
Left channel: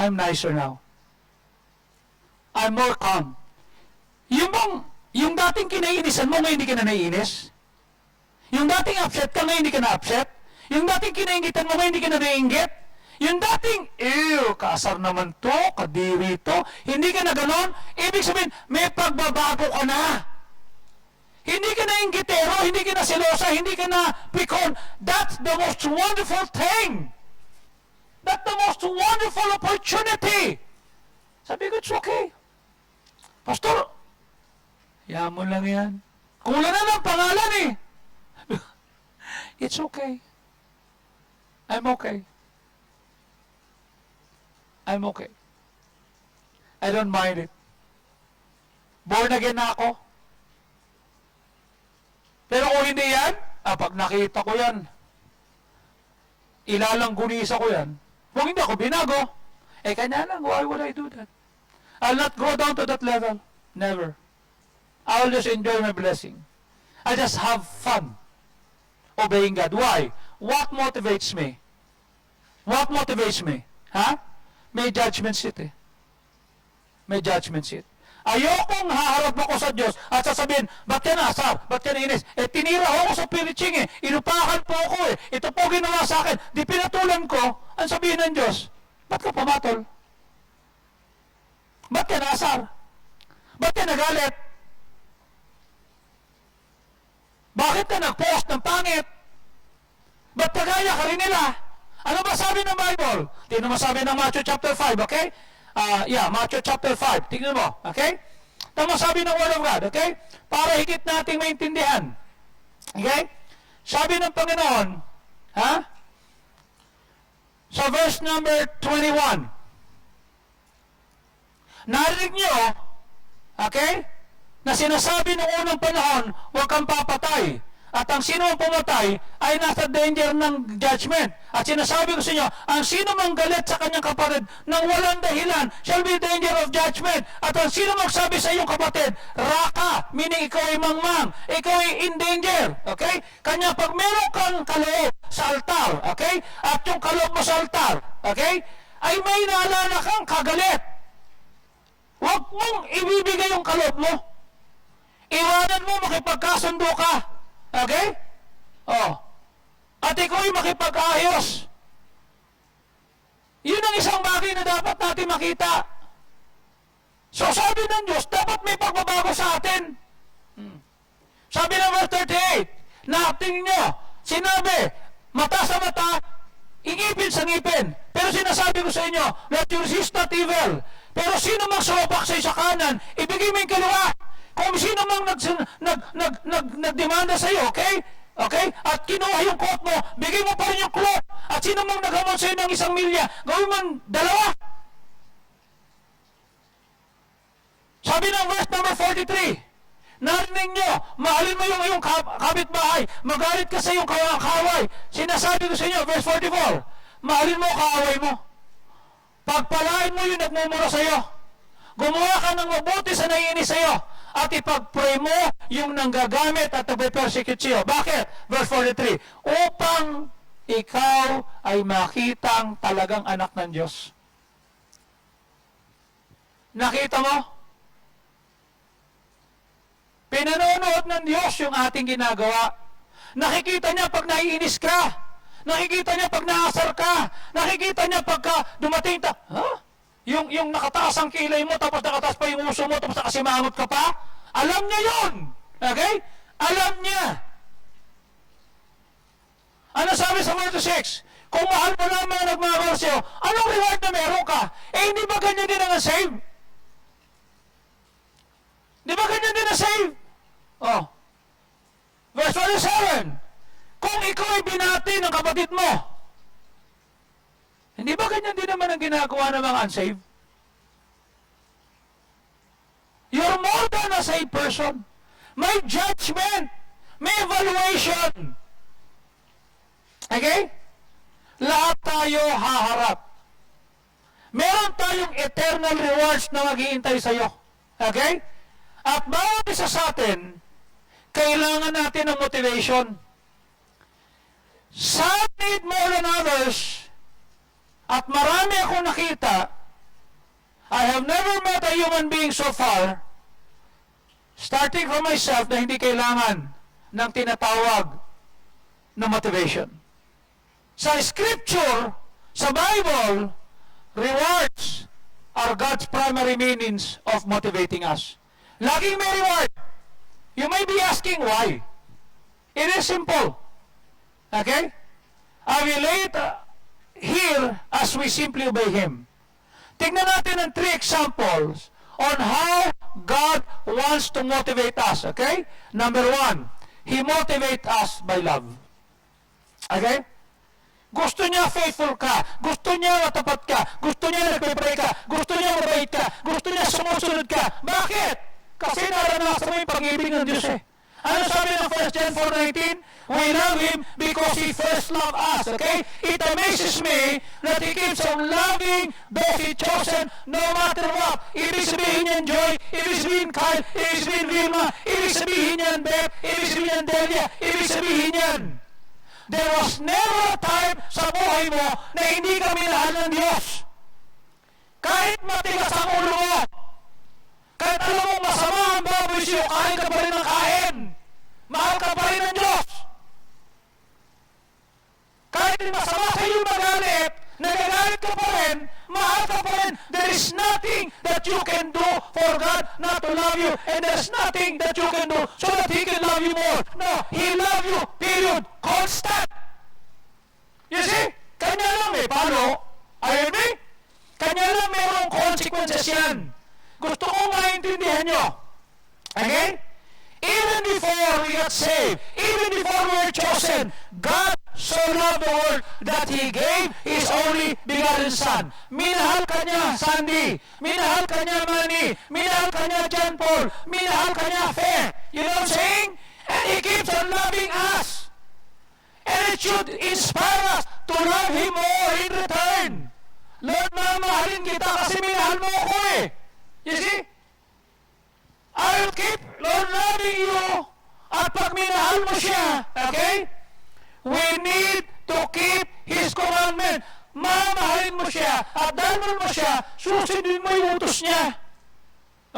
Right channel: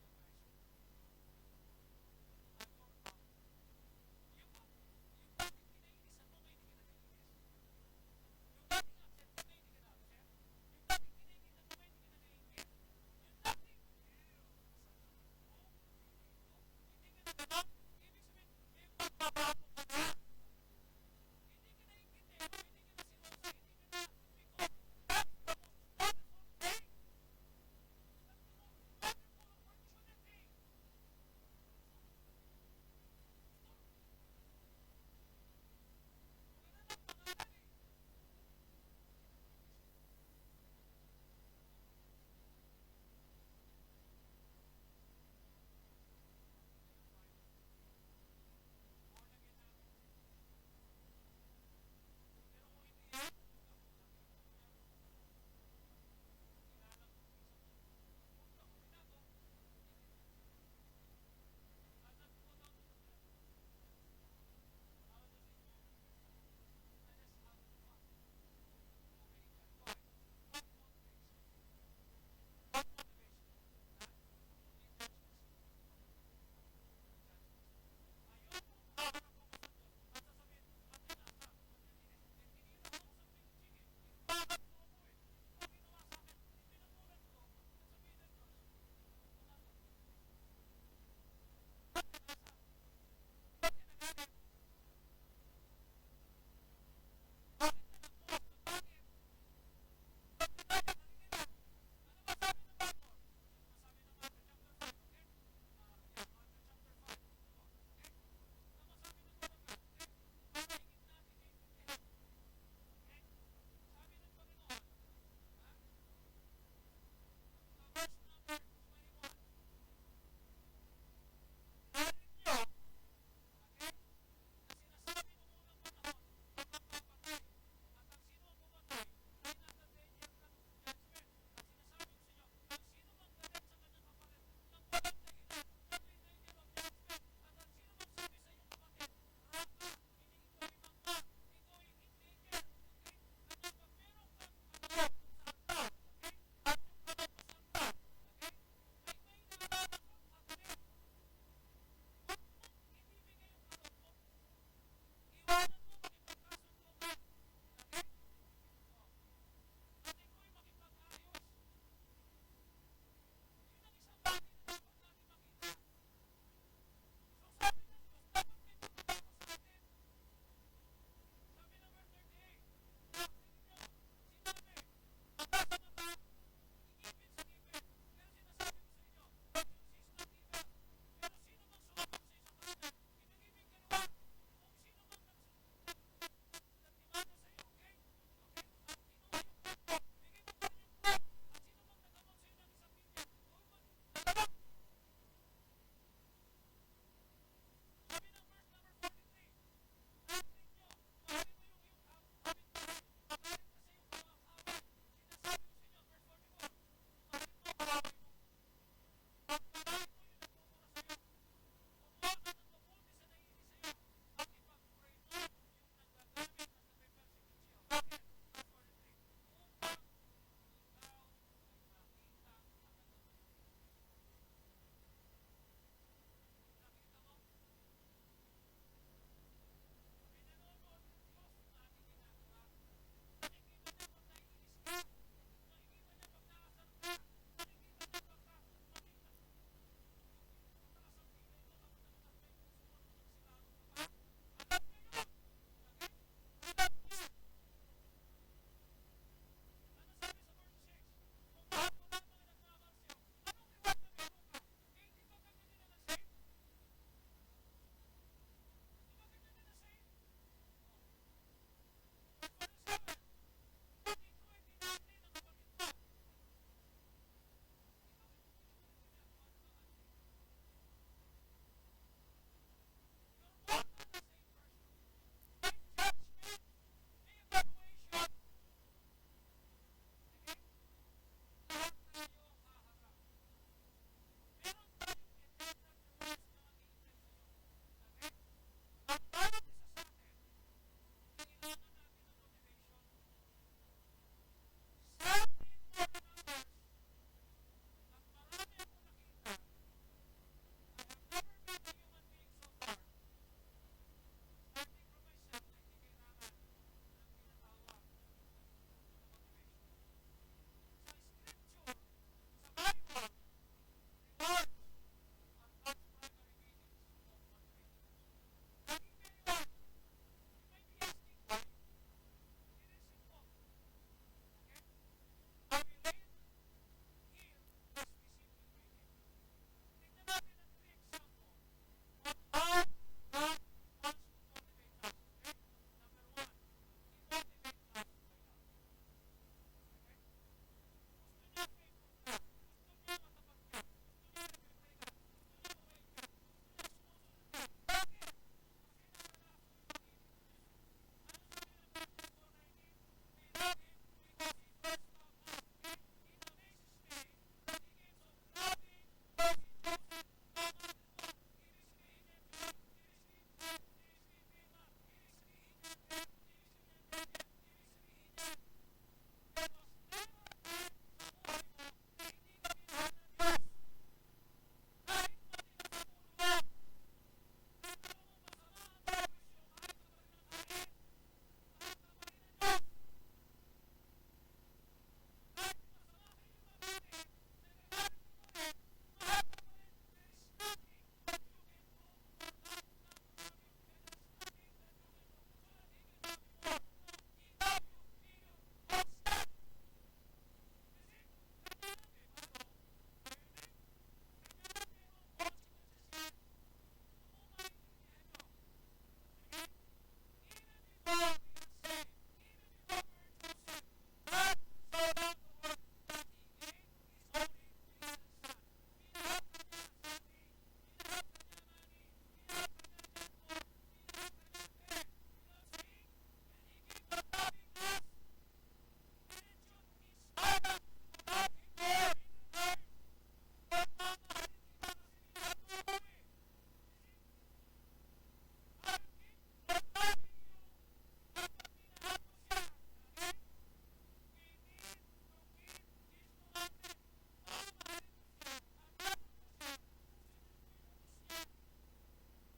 I'm nicer now. I'm more calm. Yung dating kinainisan mo, ngayon hindi ka na naiinis. Yung dating upset ka, ngayon hindi ka na upset. Yung dating kinaingitan mo, ngayon hindi ka na naiinggit. Yung dating, kaasar naman to, kadiri to, hindi ka na ganon, ibig sabihin, may pagbabago ka na. Hindi ka na inggitero, hindi ka na selosa, hindi ka na pikon. That's the most wonderful thing. That's the most wonderful opportunity. Sabi ko, it's okay. Pastor, mo lang yan. Kulang na ng pangalan eh. It's okay. I'm okay. I'm okay. I don't mind it. Born again na ako. Pero kung hindi yan, pag nakita ko yan, ilalangguniisa ko yan, kung hindi ako binago, kanya lang, why would I do that? I'll not go down to that level. Never. I'll just enjoy my blessing. I just have fun obeying God. Why? What motivates me? What motivates me? May judgment seat eh. May judgment seat. Ayokong haharap ako sa Diyos at sasabihin, ba't yan asar? Ba't yan inis? Tinira ako sa preaching eh. Inupakan po ako eh. Ito po ginawa sa akin. Di pinatulan ko. Ang sabihin ng Diyos, ba't ka pumatol? Ba't yan asar? Ba't yan nagalit? Bakit ka nag-post ng pangit? Ba't kagaya ka rin nila? Ano ba sabi ng Bible? Tingnan mo sabi ng Matthew chapter 5, okay? Matthew chapter 5. Tingnan mo, okay? Tingnan mo sabi ng Word of God, okay? Para higit nating maintindihan. Okay? Sabi ng Panginoon, sa verse number 21, narinig nyo, okay? Na sinasabi noong unang panahon, huwag kang papatay. At ang sino ang pumatay ay nasa danger ng judgment. At sinasabi ko sa inyo, ang sino mang galit sa kanyang kapatid nang walang dahilan shall be danger of judgment. At ang sino magsabi sa iyong kapatid, raka, meaning ikaw ay mangmang, ikaw ay in danger. Okay? Kanya pag meron kang kaloob sa altar, okay? At yung kaloob mo sa altar, okay? Ay may naalala kang kagalit. Huwag mong ibibigay yung kaloob mo. Iwanan mo, makipagkasundo ka. Okay? At ikaw ay makipag-ayos. Yun ang isang bagay na dapat natin makita. So sabi ng Diyos, dapat may pagbabago sa atin. Sabi ng verse 38, na tingin nyo, sinabi, mata sa mata, ingipin sa ngipin. Pero sinasabi ko sa inyo, let you resist not evil. Pero sino mang sumabak sa kanan, ibigay mo yung kaliwa. Kung sino mang nagdemanda sa'yo, okay? Okay? At kinuha yung coat mo, bigay mo pa rin yung cloth. At sino mang naghamon sa'yo ng 1 milya, gawin mo 2. Sabi ng verse number 43, narinig nyo, mahalin mo yung iyong kapitbahay, magalit ka sa iyong kaaway. Sinasabi ko sa inyo, verse 44, mahalin mo kaaway mo. Pagpalain mo yung nagmumura sa iyo. Gumawa ka ng mabuti sa naiinis sa iyo. At ipag-pray mo yung nanggagamit at nagpe-persecute sa iyo. Bakit? Verse 43, upang ikaw ay makitang talagang anak ng Diyos. Nakita mo? Pinanonood ng Diyos yung ating ginagawa. Nakikita niya pag naiinis ka. Nakikita niya pag naasar ka. Nakikita niya pagka dumating yung nakataas ang kilay mo, tapos nakataas pa yung uso mo, tapos nakasimangot ka pa. Alam niya yun. Okay? Alam niya. Ano sabi sa verse 6? Kung mahal mo lang mga nagmamahal sa'yo, anong reward na meron ka? Eh, hindi ba ganyan din ang save? Di ba ganyan din ang save? Oh. Verse 27. Kung ikaw ay binati ng kapatid mo, hindi ba ganyan din naman ang ginagawa ng mga unsaved? You're more than a saved person. May judgment. May evaluation. Okay? Lahat tayo haharap. Meron tayong eternal rewards na maghihintay sa iyo. Okay? At bawat isa sa atin, kailangan natin ng motivation. Some need more than others. At marami akong nakita. I have never met a human being so far, starting from myself, na hindi kailangan ng tinatawag na motivation. Sa Scripture, sa Bible, rewards are God's primary means of motivating us. Laging may reward. You may be asking why. It is simple. Okay? I will lay it here as we simply obey Him. Tingnan natin ang 3 examples on how God wants to motivate us. Okay? Number 1, He motivates us by love. Okay? Gusto niya faithful ka. Gusto niya matapat ka. Gusto niya nagpe-pray ka. Gusto niya mabait ka. Gusto niya sumusunod ka. Bakit? Kasi naranasan mo yung pag-ibig ng Diyos eh. Ano sabi ng 1 John 4:19? We love Him because He first loved us. Okay? It amazes me that He keeps on loving those He chosen no matter what. Ibig sabihin niyan Joy, ibig sabihin Kyle, ibig sabihin Vilma, ibig sabihin niyan Beth, ibig sabihin niyan Delia, ibig sabihin niyan. There was never a time sa buhay mo na hindi ka minahal ng Diyos. Kahit matigas ang ulo mo, kahit alam mo masama ang baboy sa'yo, kain ka pa rin ng kain. Mahal ka pa rin ng Diyos. Kahit masama sa iyo magalit, nagagalit ka pa rin, mahal ka pa rin. There is nothing that you can do for God not to love you, and there's nothing that you can do so that He can love you more. No, He love you, period. Constant. You see? Kanya lang eh. Paano? Are you with me? Kanya lang mayroong consequences yan. Gusto kong maintindihan nyo. Okay? Even before we got saved, even before we were chosen, God so loved the world that He gave His only begotten Son. Minahal ka niya, Sandy. Minahal ka niya, Manny. Minahal ka niya, John Paul. Minahal ka niya, Fair. You know what I'm saying? And He keeps on loving us. And it should inspire us to love Him more in return. Lord, mamahalin kita kasi minahal mo ako eh. You see? I will keep, Lord, loving you. At pag minahal mo siya, okay? We need to keep His commandment. Mamahalin mo siya. At dahil mo siya, susundin mo yung utos niya.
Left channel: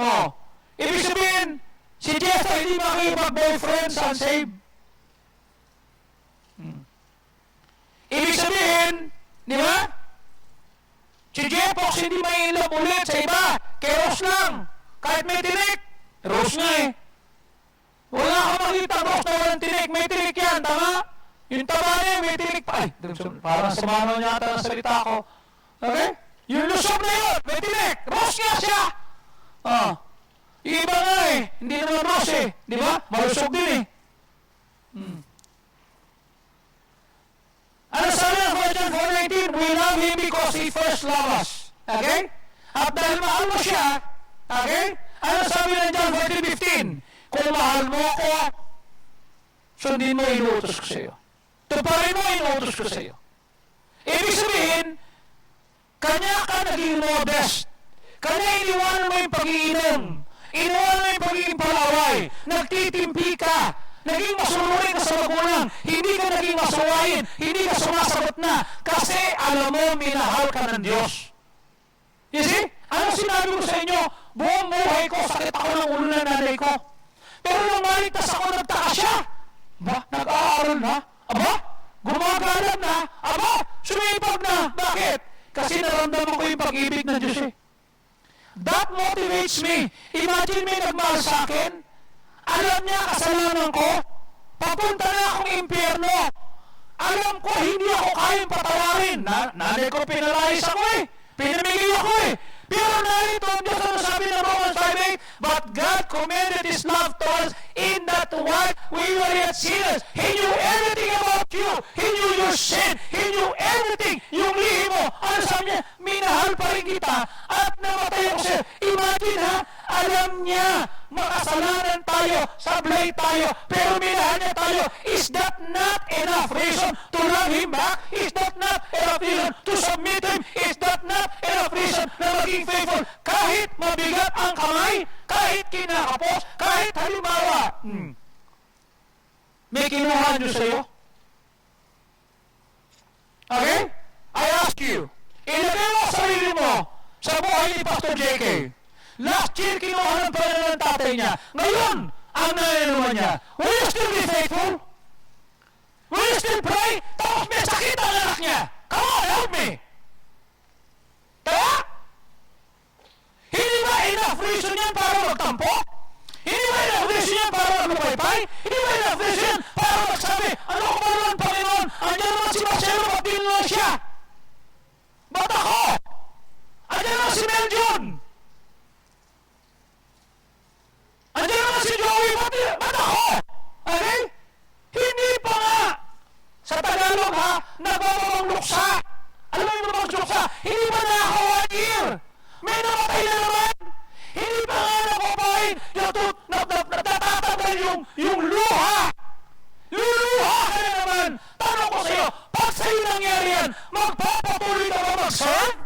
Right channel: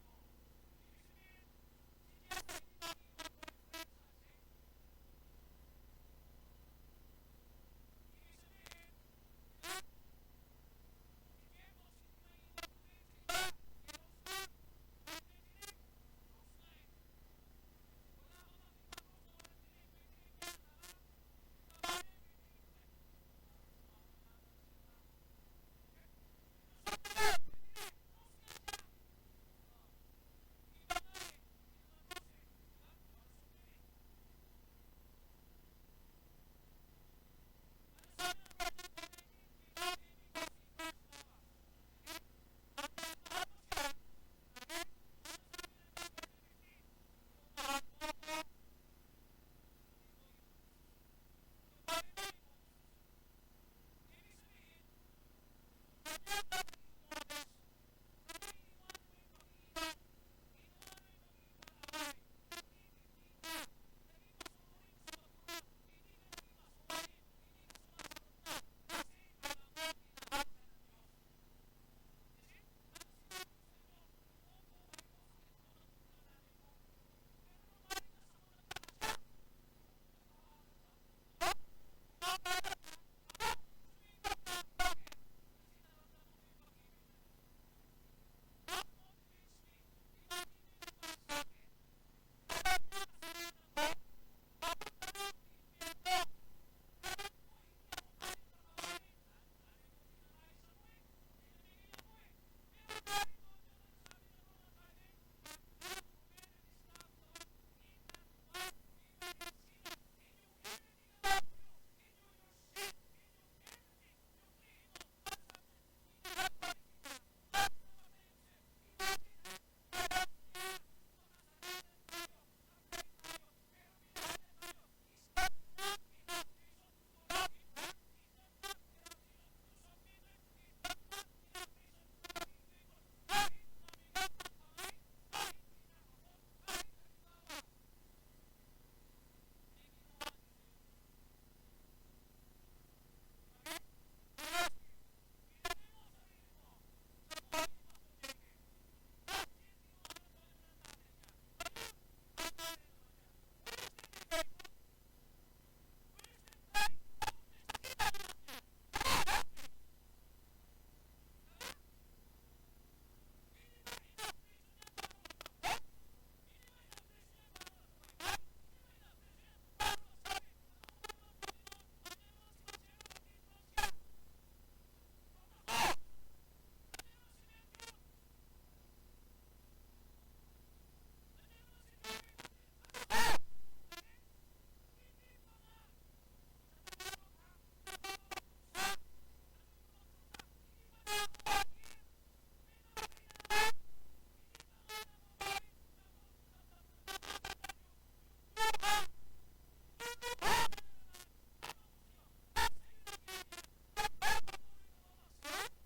Oh. Ibig sabihin, si Jeff ay hindi makikipag-boyfriend sa unsaved. Ibig sabihin, di ba? Si Jepox hindi may ilap ulit sa iba. Kay Rose lang. Kahit may tinik. Rose nga eh. Wala ka makita Rose na walang tinik. May tinik yan, tama? Yung tama niya, may tinik pa. Ay, parang sumano niya ata ng salita ko. Okay? Yung lusog na yun, may tinik. Rose nga siya. Yung iba nga hindi naman rose di ba? Malusog din Ano sabi ng 1 John 4:19? We love Him because He first loved us. Okay? At dahil mahal mo siya, okay? Ano sabi ng John 14:15? Kung mahal mo ako, sundin mo inuutos ko sa iyo. Tuparin mo inuutos ko sa iyo. Ibig sabihin, kanya ka naging modest. Kanya iniwanan mo yung pag-iinom. Iniwanan mo yung pagiging palaway. Nagtitimpi ka. Naging masunurin ka sa magulang. Hindi ka naging masuwayin. Hindi ka sumasagot na. Kasi alam mo, minahal ka ng Diyos. You see? Ano sinabi ko sa inyo? Buong buhay ko, sakit ako ng ulo ng nanay ko. Pero nung maligtas ako, nagtaka siya. Ba? Nag-aaral na? Aba? Gumagalat na? Aba? Sumipag na? Bakit? Kasi naramdaman ko yung pag-ibig ng Diyos That motivates me. Imagine may nagmahal sa akin. Alam niya kasalanan ko. Papunta na akong impyerno. Alam ko hindi ako kayang patawarin. Nanay ko pinalayas ako Pinamigay ako Pero narito ang Diyos ano sabi ng Romans 5:8, But God commended His love to us in that while we were yet sinners, He knew everything about you. He knew your sin. He knew everything. Yung lihi mo. Ano sabi niya? Minahal pa rin kita at namatay ako sa'yo. Imagine alam niya, makasalanan tayo, sablay tayo, pero minahal niya tayo. Is that not enough reason to love Him back? Is that not enough reason to submit to Him? Is that not enough reason na maging faithful? Kahit mabigat ang kamay, kahit kinakapos, kahit halimbawa, may kinuha niyo sa'yo. Okay? I ask you, ilagay mo sarili mo sa buhay ni Pastor JK. Last year, kinuha ng pera ng tatay niya. Ngayon, ang nananuman niya. Will you still be faithful? Will you still pray? Tapos may sakit ang anak niya. Come on, help me. Kaya? Hindi ba enough reason yan para magtampo? Hindi ba enough reason yan para maglupaypay? Hindi ba enough reason yan para magsabi, ano ko ba naman, Panginoon? Andiyan naman si Marcelo, ba't dinuloy siya? Ba't ako? Andiyan naman si Meljon. Andiyan naman si Joey, ba't ako? Okay? Hindi pa nga. Sa Tagalog nagmamamang luksa. Alam mo yung mamang luksa? Hindi pa na ako 1 year. May namatay na naman. Hindi pa nga napapain. Natatanggal yung luha. Luluha ka na naman. Tanong ko sa'yo, pag sa'yo nangyari yan, magpapatuloy ka ba mag-serve?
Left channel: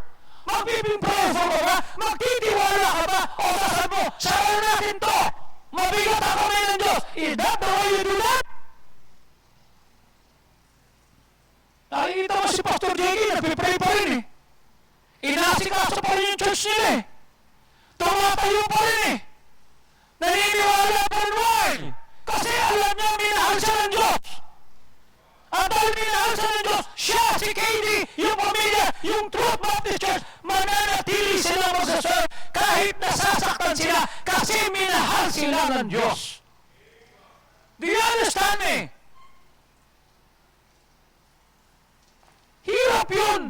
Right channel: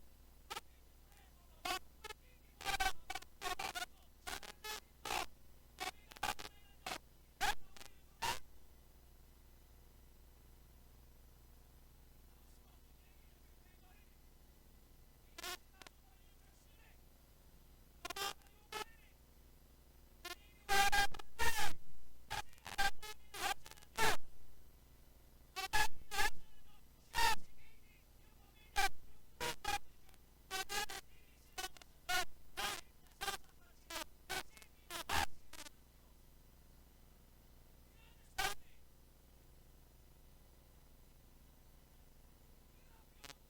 Magpiping prayerful ka ba? Magtitiwala ka ba? O sasabi mo, sarayan natin to. Mabigat ang kamay ng Diyos. Is that the way you do that? Nakikita mo si Pastor JK, nagpipray pa rin Inaasikaso pa rin yung church nila Tumatayo pa rin Naniniwala pa rin why? Kasi alam niya minahal siya ng Diyos. At dahil minahal siya ng Diyos, siya, si Katie, yung pamilya, yung Truth Baptist Church, mananatili sila magsaserve kahit nasasaktan sila kasi minahal sila ng Diyos. Do you understand me? Hirap yun.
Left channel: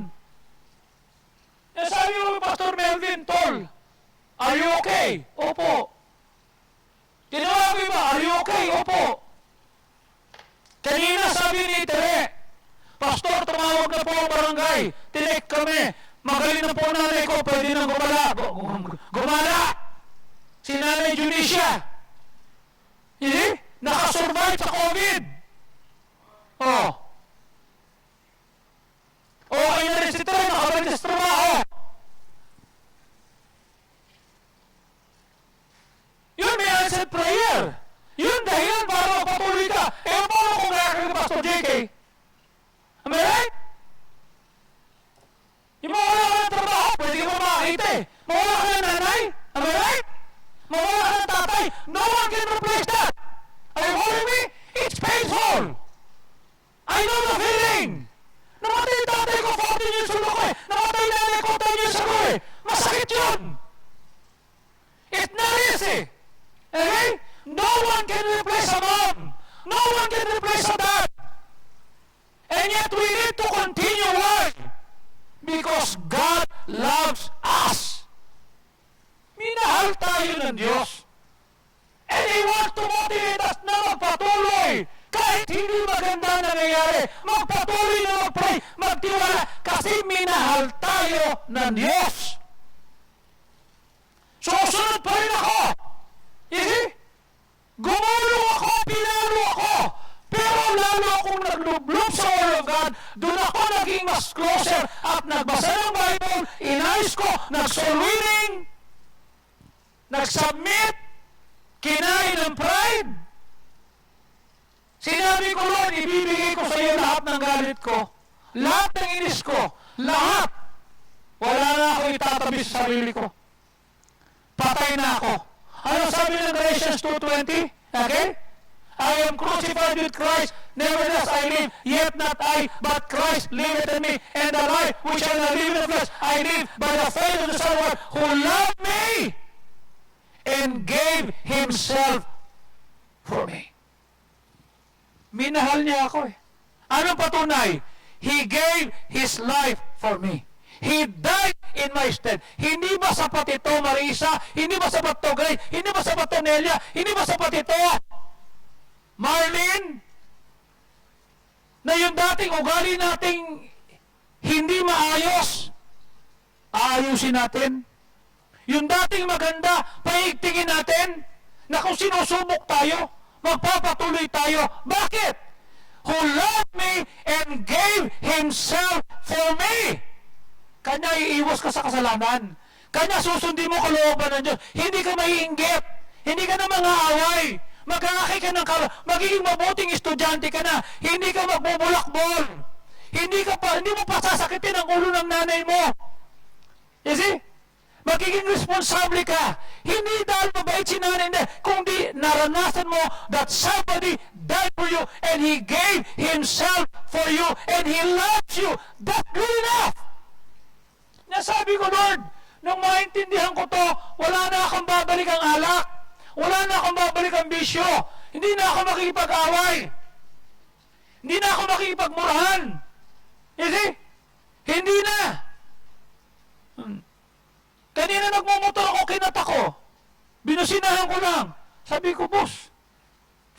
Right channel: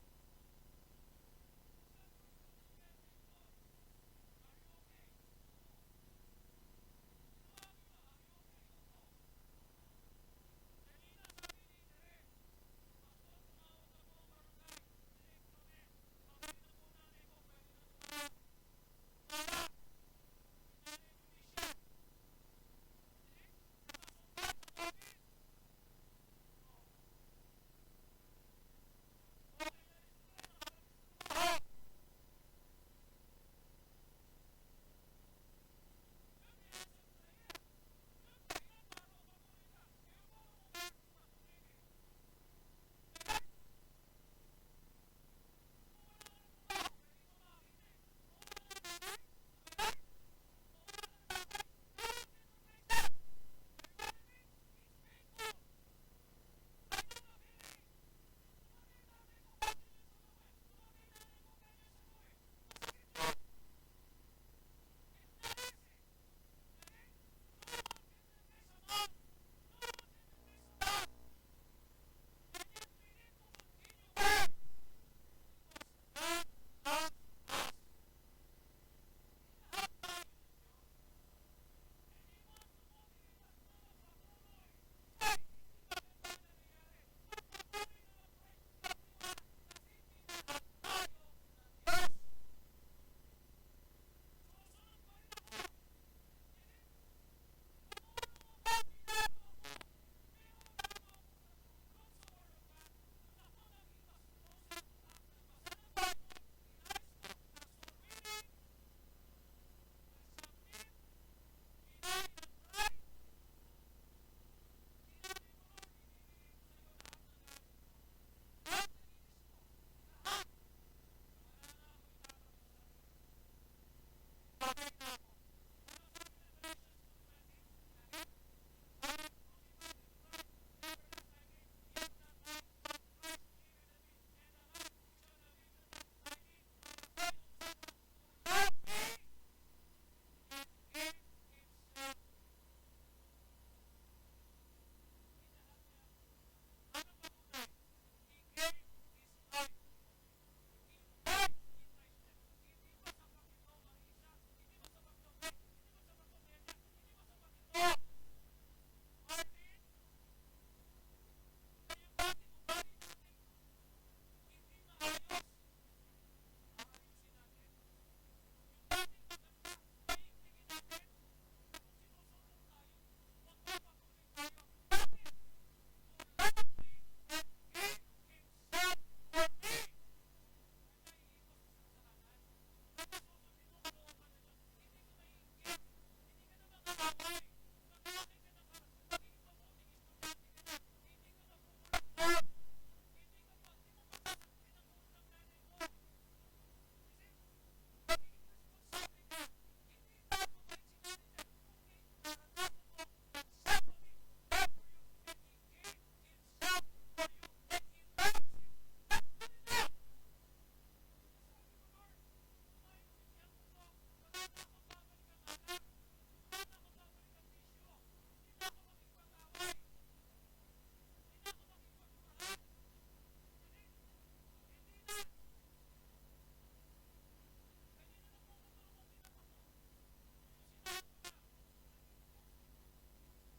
Sabi mo, Pastor Melvin Tol, are you okay? Opo. Tinawabi ba? Are you okay? Opo. Kanina sabi ni Tere, Pastor, tumawag na po ang barangay. Tinek kami. Magaling na po nanay ko. Pwede nang gumala. Si Nanay Junicia. Nakasurvive sa COVID. Okay na rin si Tere. Nakabalik sa trabaho. Yun, may answered prayer. Yun dahilan para magpatuloy ka. Paano kung nakakita ka Pastor JK? Am I right? Yung mawala ka ng trabaho, pwede ka pa makakita Mawala ka ng nanay? Am I right? Mawala ka ng tatay? No one can replace that. Are you following me? It's painful. I know the feeling. Namatay yung tatay ko 14 years ago Namatay yung nanay ko 10 years ago Masakit yun. It's not easy. Okay? No one can replace a mom. No one can replace a dad. And yet we need to continue why? Because God loves us. Minahal tayo ng Diyos. hindi maganda nangyayari, magpatuloy na mag-pray, magtiwala, kasi minahal tayo ng Diyos. Susunod pa rin ako. You see? Gumulong ako, pinalo ako, pero lalo akong naglublob sa Word of God, doon ako naging mas closer at nagbasa ng Bible, inayos ko, nag-soul winning, nag-submit, kinain ng pride. Sinabi ko, Lord, ibibigay ko sa iyo lahat ng galit ko, lahat ng inis ko, lahat. Wala na ako itatabi sa sarili ko. Patay na ako. Ano sabi ng Galatians 2:20? Okay? I am crucified with Christ, nevertheless I live, yet not I, but Christ liveth in me, and the life which I now live in the flesh, I live by the faith of the Son of God, who loved me and gave Himself for me. Minahal niya ako eh. Anong patunay? He gave His life for me. He died in my stead. Hindi ba sapat ito, Marisa? Hindi ba sapat to, Grace? Hindi ba sapat to, Nelia? Hindi ba sapat ito, Marlene? Na yung dating ugali nating hindi maayos, aayusin natin. Yung dating maganda, paigtingin natin. Na kung sinusubok tayo, magpapatuloy tayo. Bakit? Who loved me and gave Himself for me. Kanya iiwas ka sa kasalanan. Kanya susundin mo kalooban ng Diyos. Hindi ka maiinggit. Hindi ka na mang-aaway. Mag-aakay ka ng magiging mabuting estudyante ka na. Hindi ka magbubulakbol. Hindi mo pasasakitin ang ulo ng nanay mo. You see? Magiging responsable ka. Hindi dahil mabait si nanay na, kundi naranasan mo that somebody died for you and He gave Himself for you and He loves you. That's good enough. Nasabi ko, Lord, nung maintindihan ko to, wala na akong babalik ang alak. Wala na akong babalik ang bisyo. Hindi na ako makikipag-away. Hindi na ako makikipagmurahan. You see? Hindi na. Kanina nagmumotor ako, kinata ko. Binusinahan ko lang. Sabi ko, boss,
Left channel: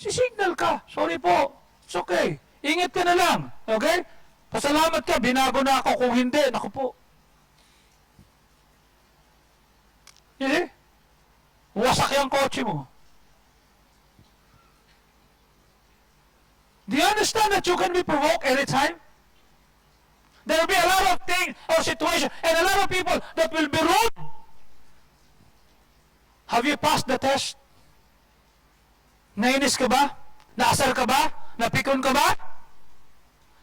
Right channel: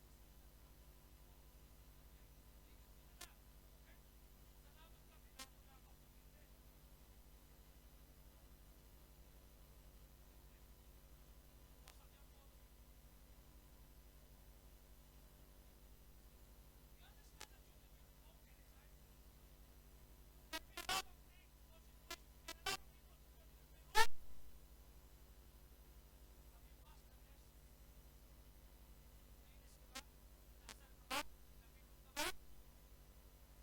sisignal ka. Sorry po. It's okay. Ingat ka na lang. Okay? Pasalamat ka. Binago na ako. Kung hindi, naku po. You see? Wasak yung kotse mo. Do you understand that you can be provoked anytime? There will be a lot of things or situations and a lot of people that will be rude. Have you passed the test? Nainis ka ba? Naasar ka ba? Napikon ka ba?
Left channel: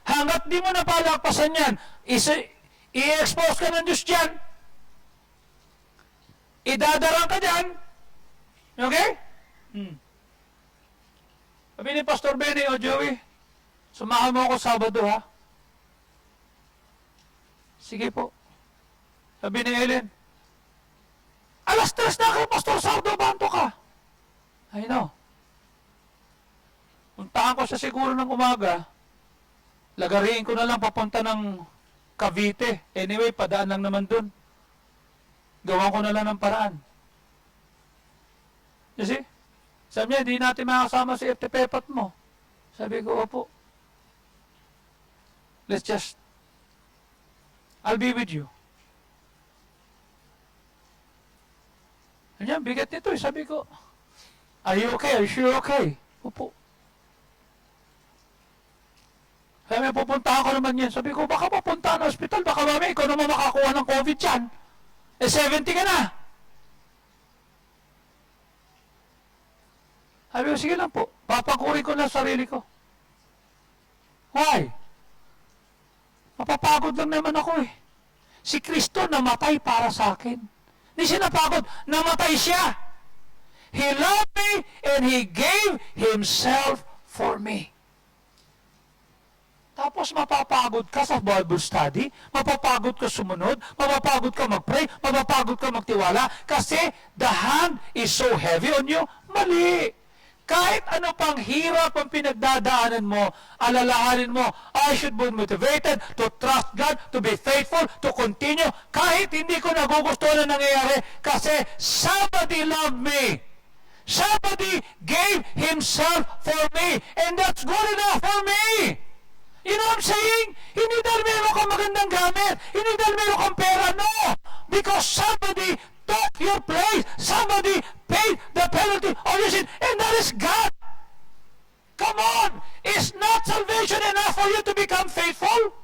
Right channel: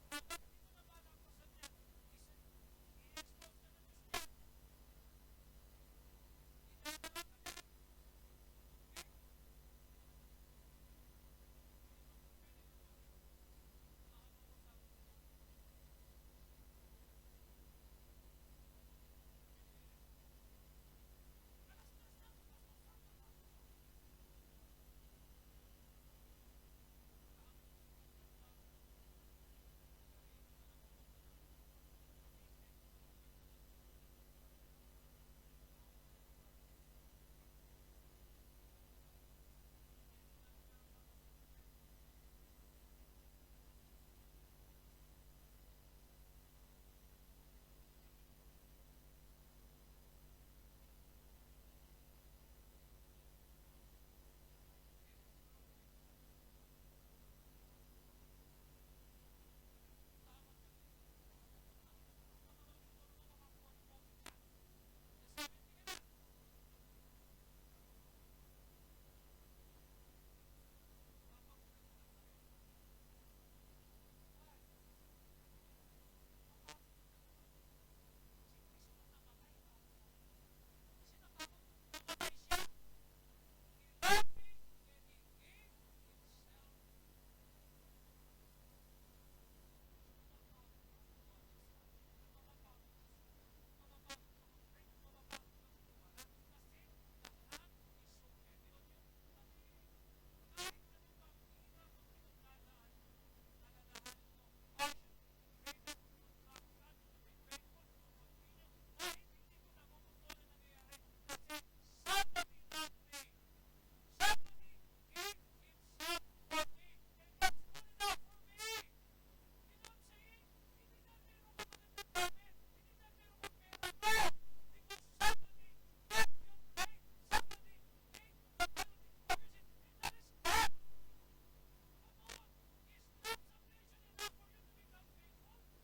Hanggat di mo napalakpasan yan, i-expose ka ng Diyos dyan. Idadarang ka dyan. Okay? Sabi ni Pastor Benny o Joey, sumahan mo ako Sabado ha? Sige po. Sabi ni Ellen, alas 3 na kayo, Pastor, Sabado, banto ka. I know. Puntahan ko sa siguro ng umaga, lagariin ko na lang papunta ng Cavite. Anyway, padaan lang naman dun. Gawan ko na lang ng paraan. You see? Sabi niya, hindi natin makasama si FTP mo. Sabi ko, opo. I'll be with you. Sabi niya, bigat nito eh. Sabi ko, are you okay? Are you sure okay? Opo. Sabi niya, pupuntahan ko naman yan. Sabi ko, baka papuntahan ng hospital. Baka mami, ikaw naman makakuha ng COVID yan. 70 ka na. Sabi ko, sige lang po. Papakurin ko na sarili ko. Why? Mapapagod lang naman ako eh. Si Kristo namatay para sa akin. Hindi siya napagod. Namatay siya. He loved me and He gave Himself for me. Tapos mapapagod ka sa Bible study, mapapagod ka sumunod, mapapagod ka mag-pray, mapapagod ka magtiwala, kasi the hand is so heavy on you. Mali. Kahit ano pang hirap ang pinagdadaanan mo, alalahanin mo, I should be motivated to trust God, to be faithful, to continue, kahit hindi ko nagugustuhan na nangyayari, kasi somebody loved me. Somebody gave himself for me, and that's good enough for me. You know what I'm saying? Hindi dahil meron kang magandang gamit. Hindi dahil meron kang pera. No! Because somebody took your place. Somebody paid the penalty of your sin. And that is God. Come on! Is not salvation enough for you to become faithful?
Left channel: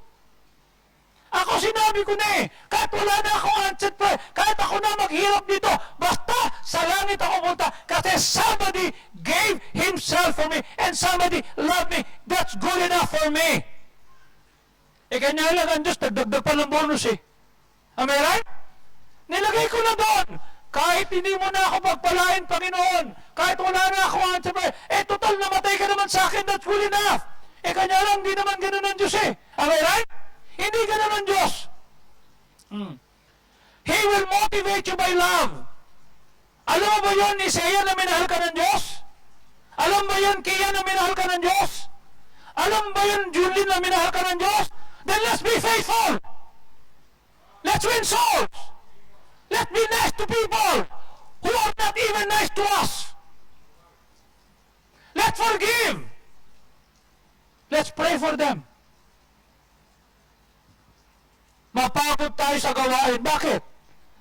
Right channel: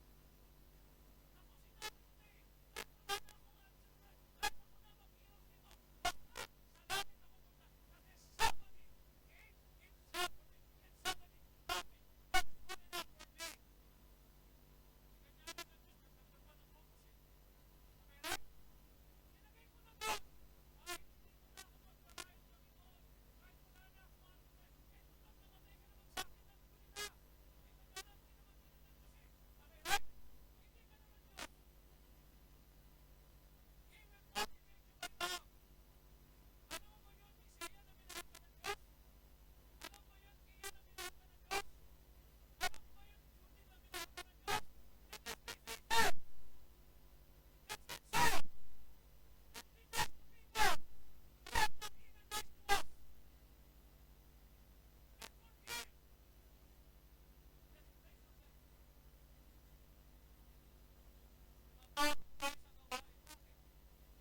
Ako sinabi ko na eh, kahit wala na akong answered prayer, kahit ako na maghirap dito, basta sa langit ako punta, kasi somebody gave himself for me, and somebody loved me. That's good enough for me. Eh, kanya lang ang Diyos, nagdagdag pa ng bonus eh. Am I right? Nilagay ko na doon. Kahit hindi mo na ako pagpalain, Panginoon, kahit wala na ako answered prayer, eh, total namatay ka naman sa akin, that's good enough. Eh, kanya lang, di naman ganun ang Diyos eh. Am I right? Hindi ganun ang Diyos. He will motivate you by love. Alam mo ba yun, Isaiah, na minahal ka ng Diyos? Alam ba yun, Kia, na minahal ka ng Diyos? Alam ba yun, Julie, na minahal ka ng Diyos? Then let's be faithful. Let's win souls. Let's be nice to people who are not even nice to us. Let's forgive. Let's pray for them. Mapagod tayo sa gawain. Bakit?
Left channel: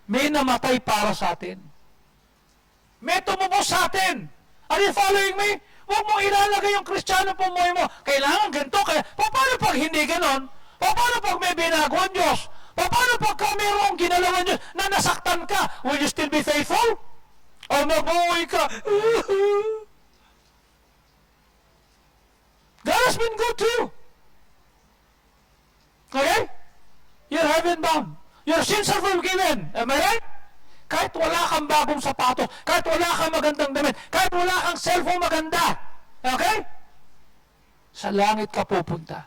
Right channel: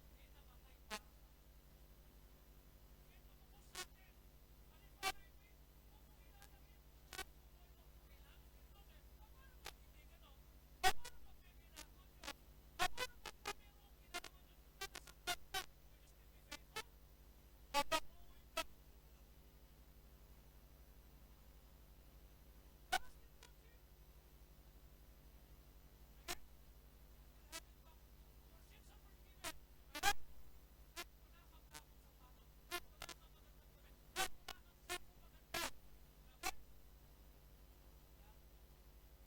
May namatay para sa atin. May tumubos sa atin. Are you following me? Huwag mong ilalagay yung Kristiyano pumuhay mo. Kailangan ganito. Paano pag hindi ganon? Paano pag may binago ang Diyos? Paano pag mayroong ginalawan Diyos na nasaktan ka? Will you still be faithful? O mabuhay ka? God has been good to you. Okay? You're heaven bound. Your sins are forgiven. Am I right? Kahit wala kang bagong sapato, kahit wala kang magandang damit, kahit wala kang cellphone maganda. Okay? Sa langit ka pupunta.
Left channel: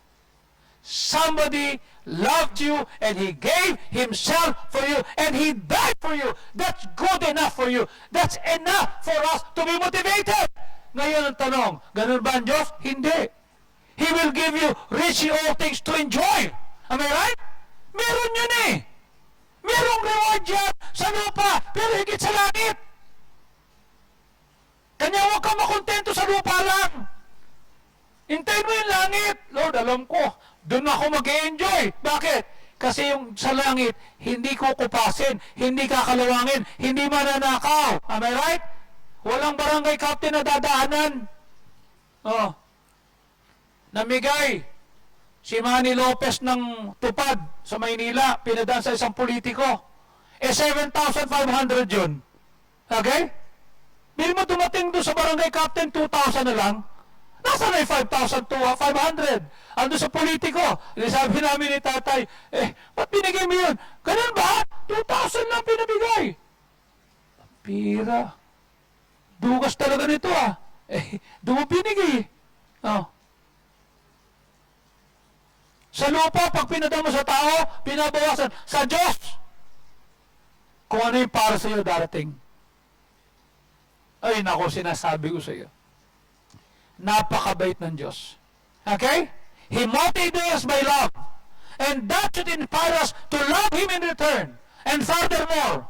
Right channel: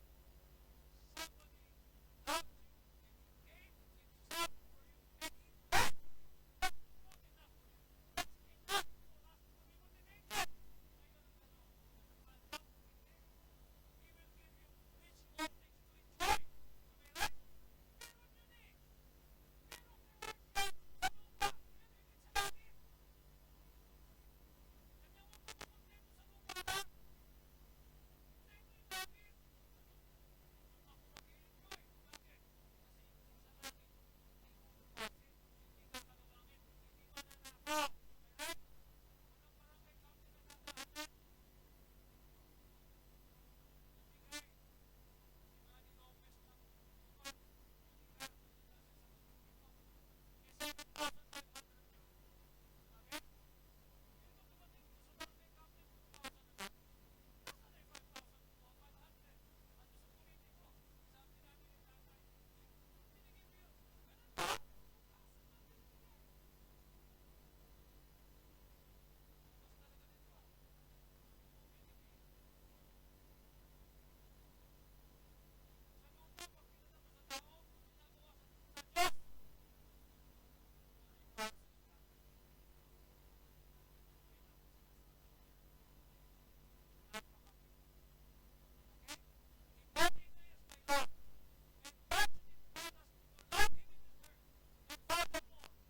Somebody loved you and He gave Himself for you and He died for you. That's good enough for you. That's enough for us to be motivated. Ngayon ang tanong, ganun ba ang Diyos? Hindi. He will give you richly all things to enjoy. Am I right? Meron yun eh. Merong reward yan sa lupa, pero higit sa langit. Kanya huwag ka makontento sa lupa lang. Hintayin mo yung langit. Lord, alam ko, doon ako mag-enjoy. Bakit? Kasi yung sa langit, hindi kukupasin, hindi kakalawangin, hindi mananakaw. Am I right? Walang barangay captain na dadaanan. Oh. Namigay si Manny Lopez ng tupad sa Maynila, pinadaan sa isang politiko. Eh, 7,500 yun. Okay? Bili mo dumating doon sa barangay captain, 2,000 na lang. Nasaan na yung 5,500? Ando sa politiko. Sabi namin ni tatay, ba't binigay mo yun? Ganun ba? 2,000 lang pinabigay. Pira. Dugas talaga nito ah. Doon mo binigay. Oh. Sa lupa, pag pinadama sa tao, pinabawasan. Sa Diyos, kung ano yung para sa iyo darating. Ay, nako, sinasabi ko sa iyo. Napakabait ng Diyos. Okay? He motivates us by love. And that should inspire us to love Him in return. And furthermore,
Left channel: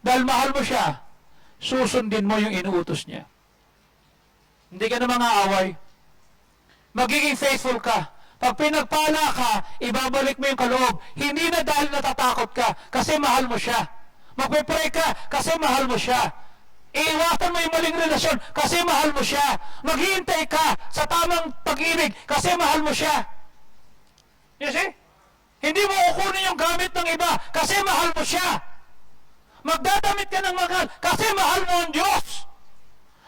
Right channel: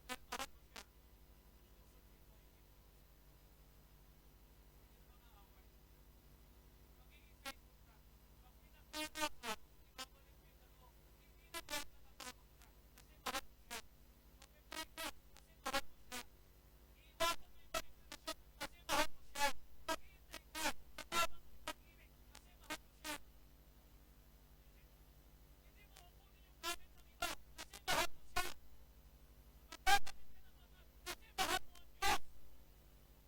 dahil mahal mo siya, susundin mo yung inuutos niya. Hindi ka na mang-aaway. Magiging faithful ka. Pag pinagpala ka, ibabalik mo yung kaloob. Hindi na dahil natatakot ka, kasi mahal mo siya. Magpipray ka, kasi mahal mo siya. Iiwasan mo yung maling relasyon, kasi mahal mo siya. Maghihintay ka sa tamang pag-ibig, kasi mahal mo siya. You see? Hindi mo kukunin yung gamit ng iba, kasi mahal mo siya. Magdadamit ka ng mahal, kasi mahal mo ang Diyos.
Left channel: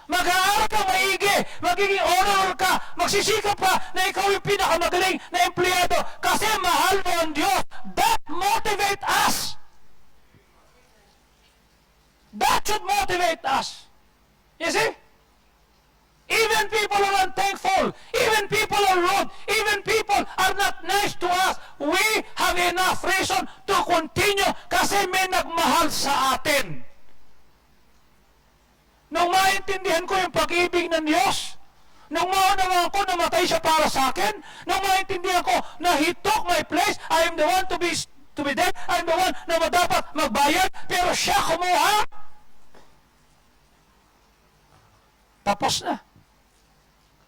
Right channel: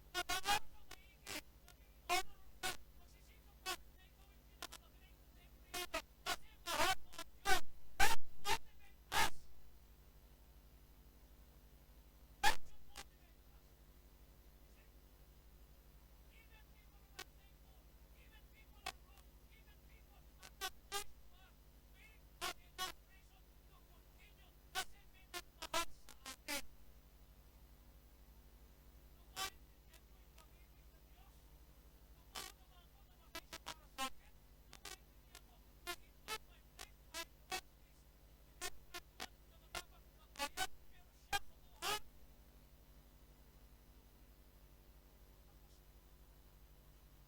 Mag-aaral ka maigi, magiging honorable ka, magsisikap ka na ikaw yung pinakamagaling na empleyado kasi mahal mo ang Diyos. That motivate us. That should motivate us. You see? Even people are unthankful, even people are rude, even people are not nice to us. We have enough reason to continue kasi may nagmahal sa atin. Nung maintindihan ko yung pag-ibig ng Diyos, nung maunawaan ko namatay siya para sa akin, nung maintindihan ko na He took my place, I am the one to be dead, I am the one na dapat magbayad, pero siya kumuha. tapos na.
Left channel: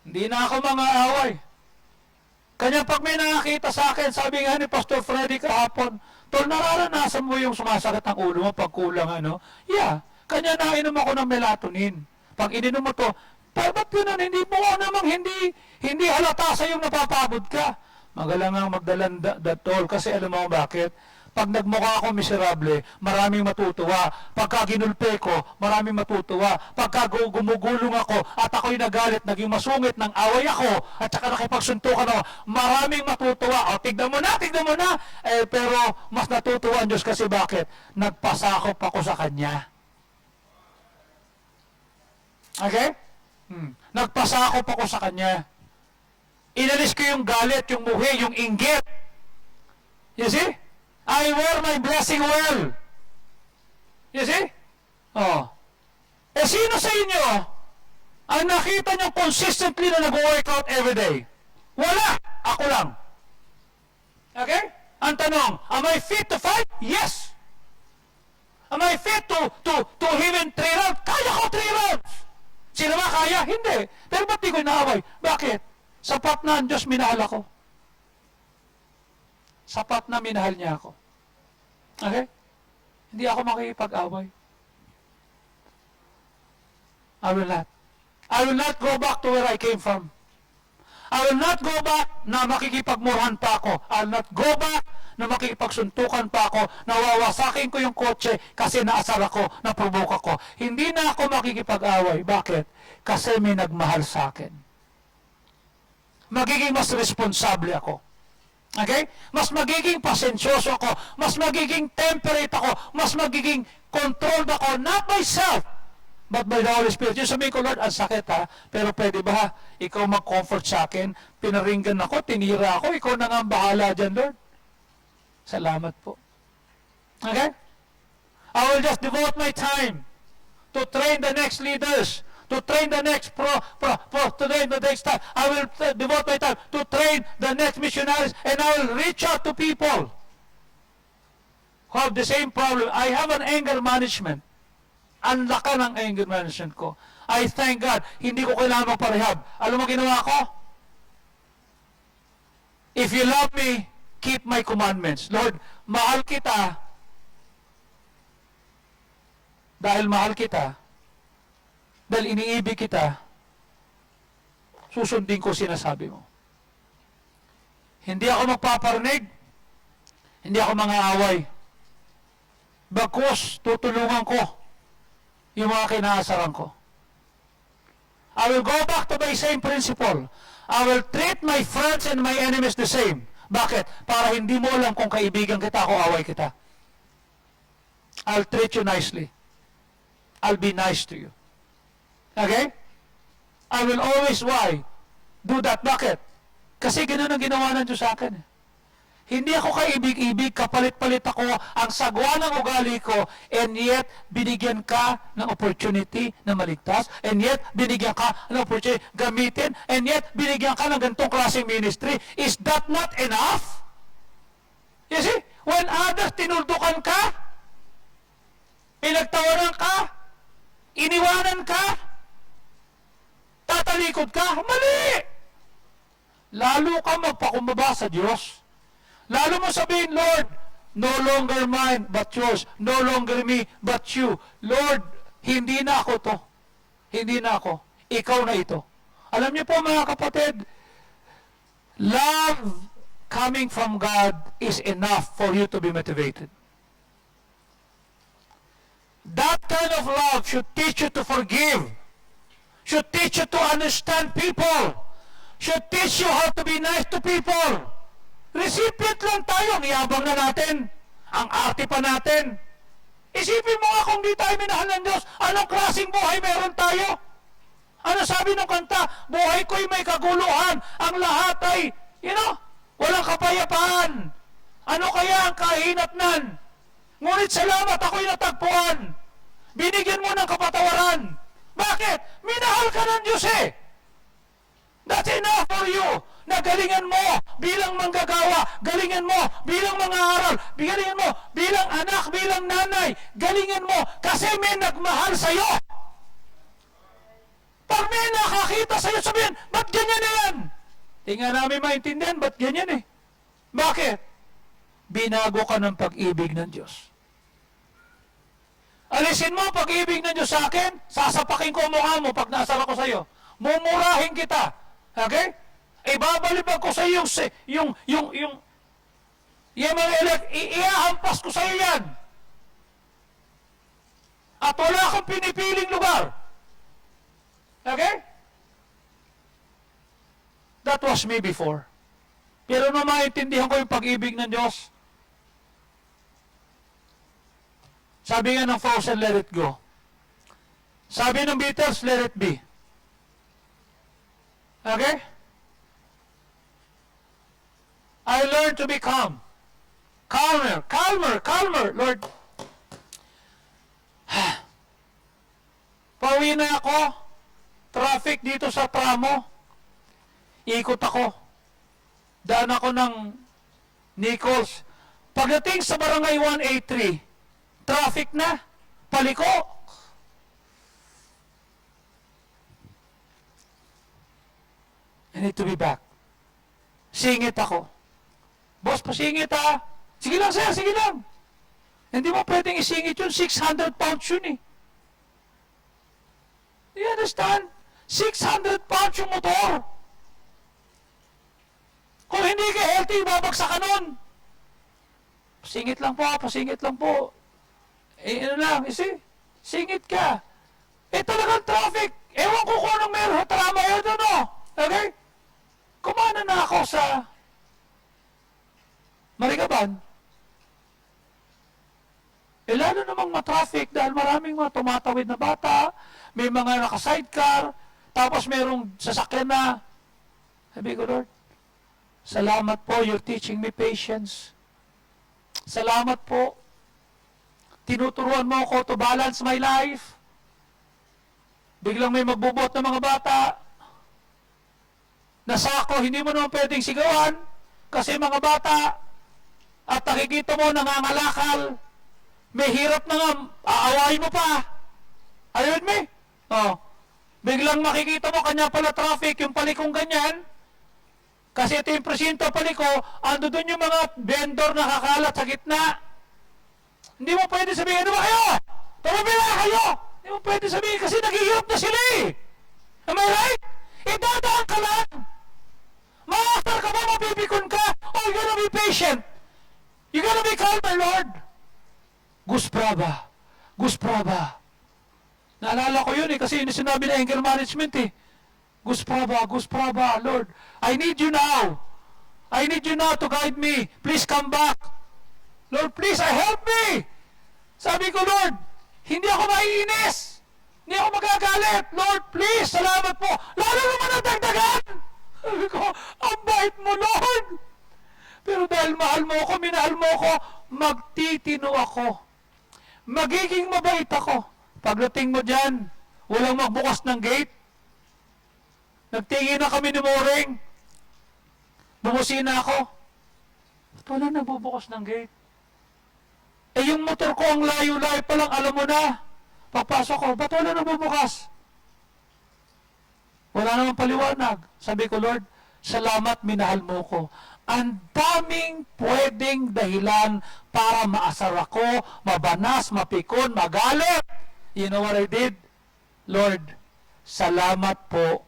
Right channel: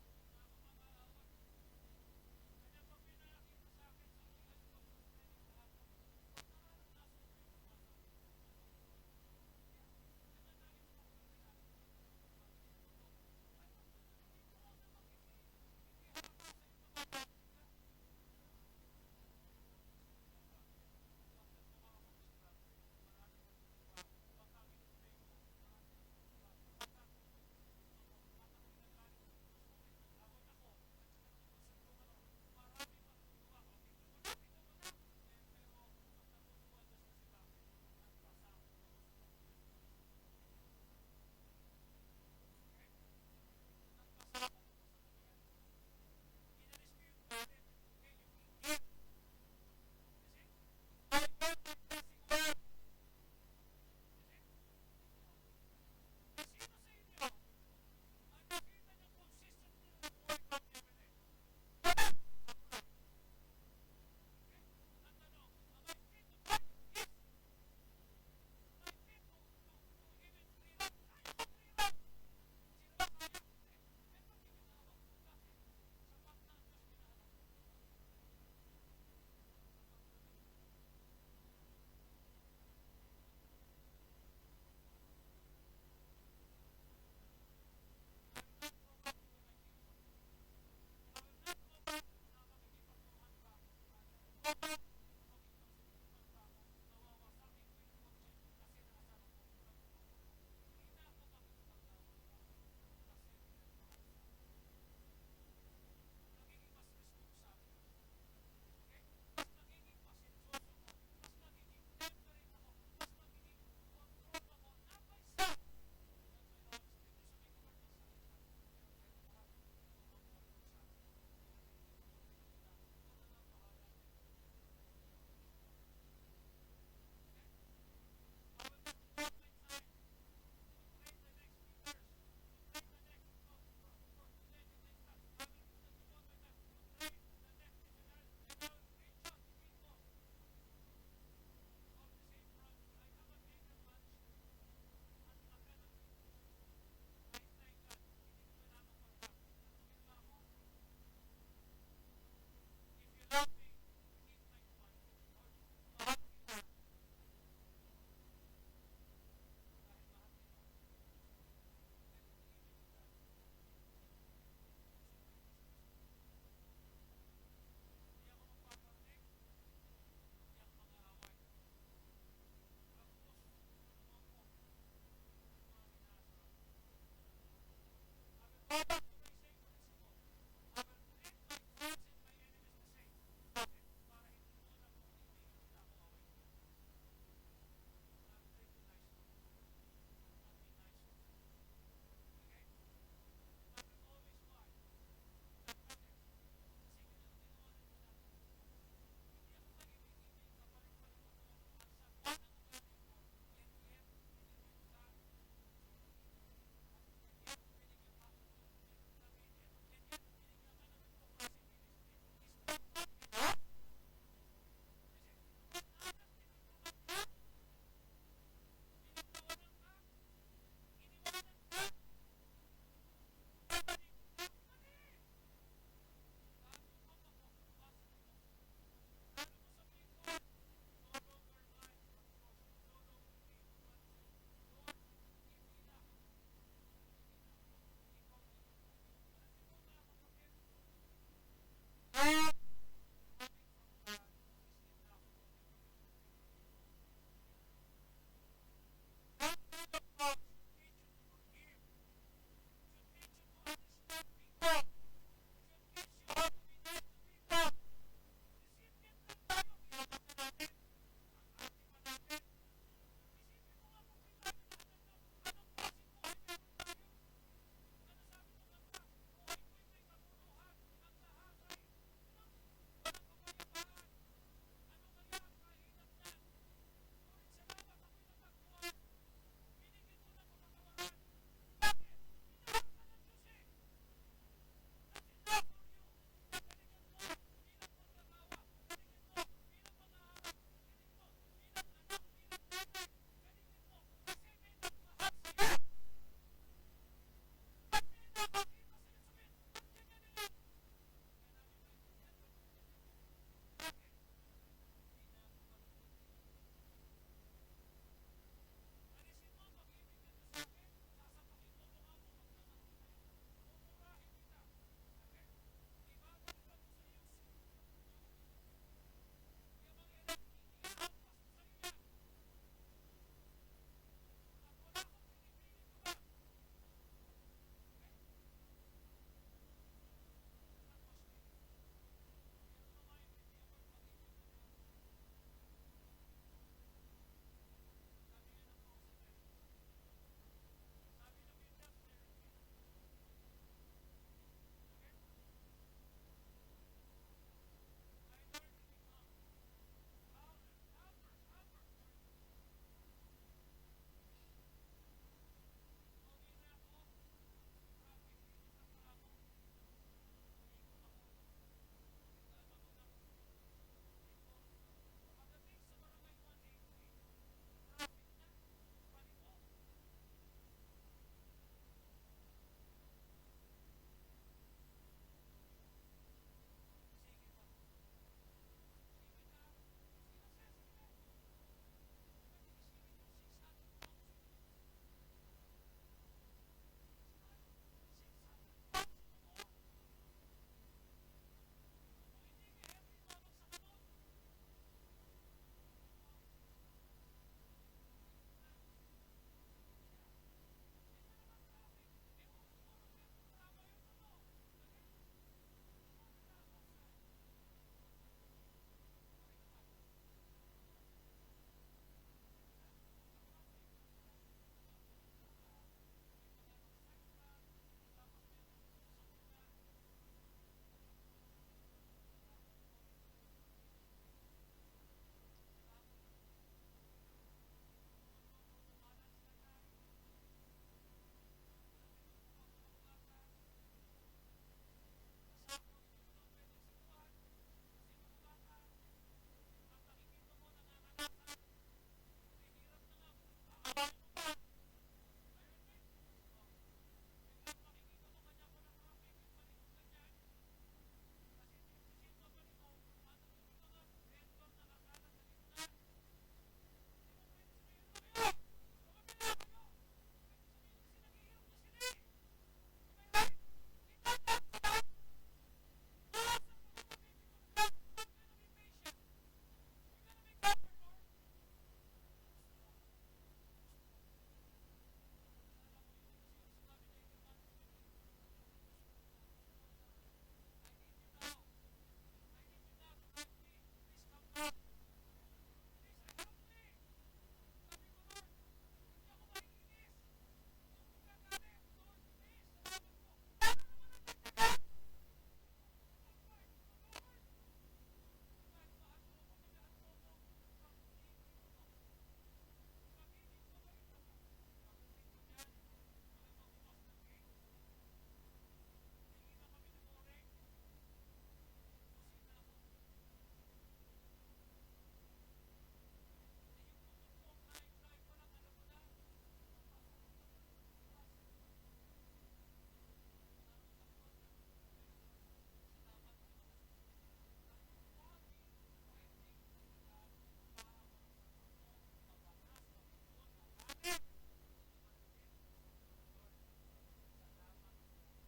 Hindi na ako mga away. Kanya pag may nakakita sa akin, sabi nga ni Pastor Freddy kahapon, tol, nararanasan mo yung sumasakit ang ulo mo pag kulang, ano? Yeah. Kanya nainom ako ng melatonin. Pag ininom mo to, ba't yun, hindi mo namang hindi halata sa yung napapabod ka. Magalang ang magdalang tol, kasi alam mo bakit? Pag nagmukha ako miserable, maraming matutuwa. Pagka ginulpe ko, maraming matutuwa. Pagka gumugulong ako at ako'y nagalit, naging masungit ng away ako, at saka nakipagsuntukan ako, maraming matutuwa. O, tignan mo na. Pero mas natutuwa ang Diyos kasi bakit? Nagpasakop ako sa Kanya. Okay? Nagpasakop ako sa Kanya. Inalis ko yung galit, yung muhi, yung inggit. You see? I wear my blessing well. You see? Oh. Sino sa inyo ang nakita niyo consistently na nag-workout every day? Wala. Ako lang. Okay? Ang tanong, am I fit to fight? Yes. Am I fit to even 3 rounds? Kaya ko 3 rounds. Sino ba kaya? Hindi. Pero ba't di ko inaaway? Bakit? Sapat na ang Diyos, minahal ako. Sapat na minahal niya ako. Okay? Hindi ako makikipag-away. I will not. I will not go back to where I came from. I will not go back na makikipagmurahan pa ako. I will not go back na makikipagsuntukan pa ako, nawawasakin ko yung kotse kasi naasar ako, naprovoke ako. Hindi na ako makikipag-away. Bakit? Kasi may nagmahal sa akin. Magiging mas responsable ako. Okay? Mas magiging pasensyoso ako, mas magiging temperate ako, mas magiging controlled ako, not myself, but by the Holy Spirit. Yung sabihin ko, Lord, ang sakit ha, pero pwede ba ikaw mag-comfort sa akin? Pinaringgan ako, tinira ako, ikaw na nga ang bahala dyan, Lord. Salamat po. Okay? I will just devote my time to train the next leaders, to train the next to train the next time. I will devote my time to train the next missionaries, and I will reach out to people who have the same problem. I have an anger management. Ang laka ng anger management ko. I thank God, hindi ko kailangan magparehab. Alam mo ginawa ko? If you love me, keep my commandments. Lord, mahal kita. Dahil mahal kita, dahil iniibig kita, susundin ko sinasabi mo. Hindi ako magpaparinig, hindi ako mang-aaway. Bagkus, tutulungan ko yung mga kinaasaran ko. I will go back to my same principle. I will treat my friends and my enemies the same. Bakit? Para hindi mo alam kung kaibigan kita o away kita. I'll treat you nicely. I'll be nice to you. Okay? I will always, why? Do that. Bakit? Kasi ganoon ang ginawa ng Diyos sa akin. Hindi ako kaibig-ibig, kapalit-palit ako, ang sagwa ng ugali ko, and yet, binigyan ka ng opportunity na maligtas, and yet, binigyan ka ng opportunity gamitin, and yet, binigyan ka ng ganitong klaseng ministry. Is that not enough? You see? When others tinuldukan ka, pinagtawanan ka, iniwanan ka, tatalikod ka, mali! Lalo ka magpakumbaba sa Diyos. Lalo mo sabihin, Lord, no longer mine but yours. No longer me but you. Lord, hindi na ako to. Hindi na ako. Ikaw na ito. Alam niyo po mga kapatid, love coming from God is enough for you to be motivated. That kind of love should teach you to forgive. Should teach you to understand people. Should teach you how to be nice to people. Recipient lang tayo, niyabang na natin. Ang arte pa natin. Isipin mo nga kung di tayo minahal ng Diyos, anong klaseng buhay meron tayo? Ano sabi ng kanta? Buhay ko'y may kaguluhan. Ang lahat ay, walang kapayapaan. Ano kaya ang kahinatnan? Ngunit salamat, ako'y natagpuan. Binigyan mo ng kapatawaran. Bakit? Minahal ka ng Diyos eh. That's enough for you. Na galingan mo bilang manggagawa, galingan mo bilang mang-aaral, galingan mo bilang anak, bilang nanay, galingan mo kasi may nagmahal sa'yo. Pag may nakakita sa'yo, sabihin, ba't ganyan na yan? Tingnan namin maintindihan, ba't ganyan eh? Bakit? Binago ka ng pag-ibig ng Diyos. Alisin mo pag-ibig ng Diyos sa akin, sasapakin ko ang mukha mo pag nasara ko sa'yo. Mumurahin kita. Okay? Ibabalibag ko sa'yo yung mga iahampas ko sa'yo yan. At wala kang pinipiling lugar. Okay? That was me before. Pero nung maintindihan ko yung pag-ibig ng Diyos, sabi nga ng Frozen, let it go. Sabi ng Beatles, let it be. Okay? I learned to be calm. Calmer, calmer, calmer, Lord. Pauwi na ako. Traffic dito sa tramo. Ikot ako. Daan ako ng Nichols. Pagdating sa barangay 183, traffic na. Paliko. I need to be back. Singit ako. Boss, pasingit ha. Sige lang sir, sige lang. Hindi mo pwedeng isingit yun. 600 pounds yun eh. Do you understand? 600 pounds yung motor. Kung hindi ka healthy, babagsak ka nun. Pasingit lang po, pasingit lang po. Eh, ano lang, singit ka. Eh, talagang traffic. Ewan ko kung anong meron. Trama yun, ano? Okay? Kumana na ako sa Marigaban. Eh, lalo namang matraffic dahil maraming mga tumatawid na bata, may mga naka-sidecar, tapos merong sasakyan na. Sabi ko, Lord, salamat po, you're teaching me patience. Salamat po. Tinuturuan mo ako to balance my life. Biglang may magbubot ng mga bata. Nasako, hindi mo naman pwedeng sigawan kasi mga bata. At nakikita mo, nangangalakal. May hirap na nga, aawain mo pa. Ayun, me? Oh. Biglang makikita mo, kanya pala traffic, yung palikong ganyan. Kasi ito yung presinto paliko, ando doon yung mga vendor na kakalat sa gitna. Hindi mo pwede sabihin, ano ba kayo? Tumabila kayo! Hindi mo pwede sabihin kasi naghihirap na sila eh. Am I right? Idadaan ka lang. Maasar ka ba, mapipikon ka? Or you're gonna be patient. You're gonna be calm, my Lord. Gus Praba. Gus Praba. Naalala ko yun eh, kasi yun sinabi na anger management eh. Gus Praba, Lord, I need you now. I need you now to guide me. Please come back. Lord, please, help me. Sabi ko, Lord, hindi ako maiinis. Hindi ako magagalit. Lord, please, salamat po. Lalo naman ang dagdagan. Sabi ko, ang bait mo, Lord. Pero dahil mahal mo ako, minahal mo ako, magtitino ako. Magiging mabait ako. Pagdating mo dyan, walang magbukas ng gate. Nagtingin na kami ni Moring. Bumusina ako. Ba't wala nagbubukas ng gate? Eh yung motor ko ang layo-layo pa lang, alam mo na. Papasok ko, ba't wala nagbubukas? Wala namang paliwanag. Sabi ko, Lord, salamat, minahal mo ko. Ang daming pwedeng dahilan para maasar ako, mabanas, mapikon, magalit. You know what I did? Lord, salamat po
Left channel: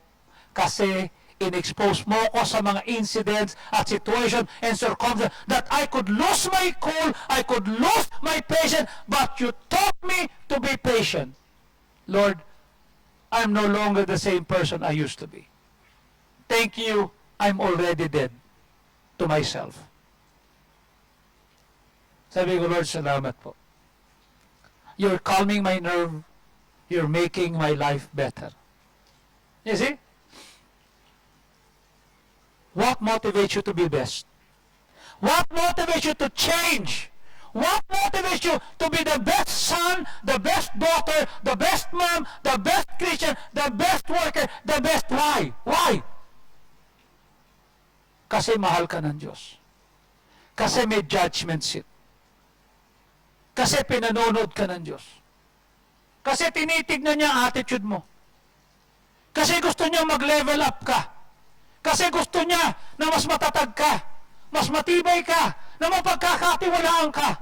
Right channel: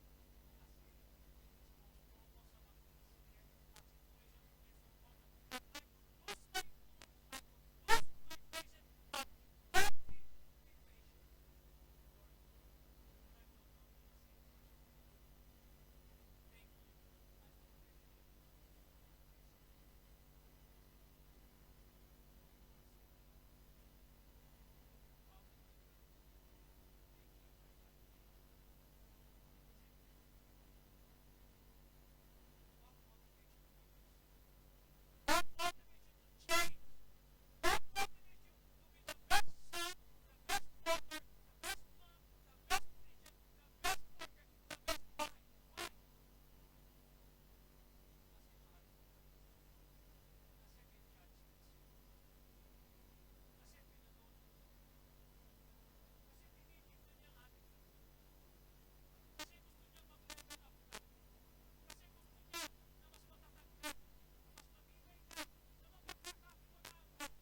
kasi in-expose mo ko sa mga incidents at situation and circumstances that I could lose my cool, I could lose my patience, but you taught me to be patient. Lord, I'm no longer the same person I used to be. Thank you, I'm already dead to myself. Sabi ko, Lord, salamat po. You're calming my nerve. You're making my life better. You see? What motivates you to be best? What motivates you to change? What motivates you to be the best son, the best daughter, the best mom, the best Christian, the best worker, the best why? Why? Kasi mahal ka ng Diyos. Kasi may judgment seat. Kasi pinanonood ka ng Diyos. Kasi tinitignan niya ang attitude mo. Kasi gusto niya mag-level up ka. Kasi gusto niya na mas matatag ka, mas matibay ka, na mapagkakatiwalaan ka.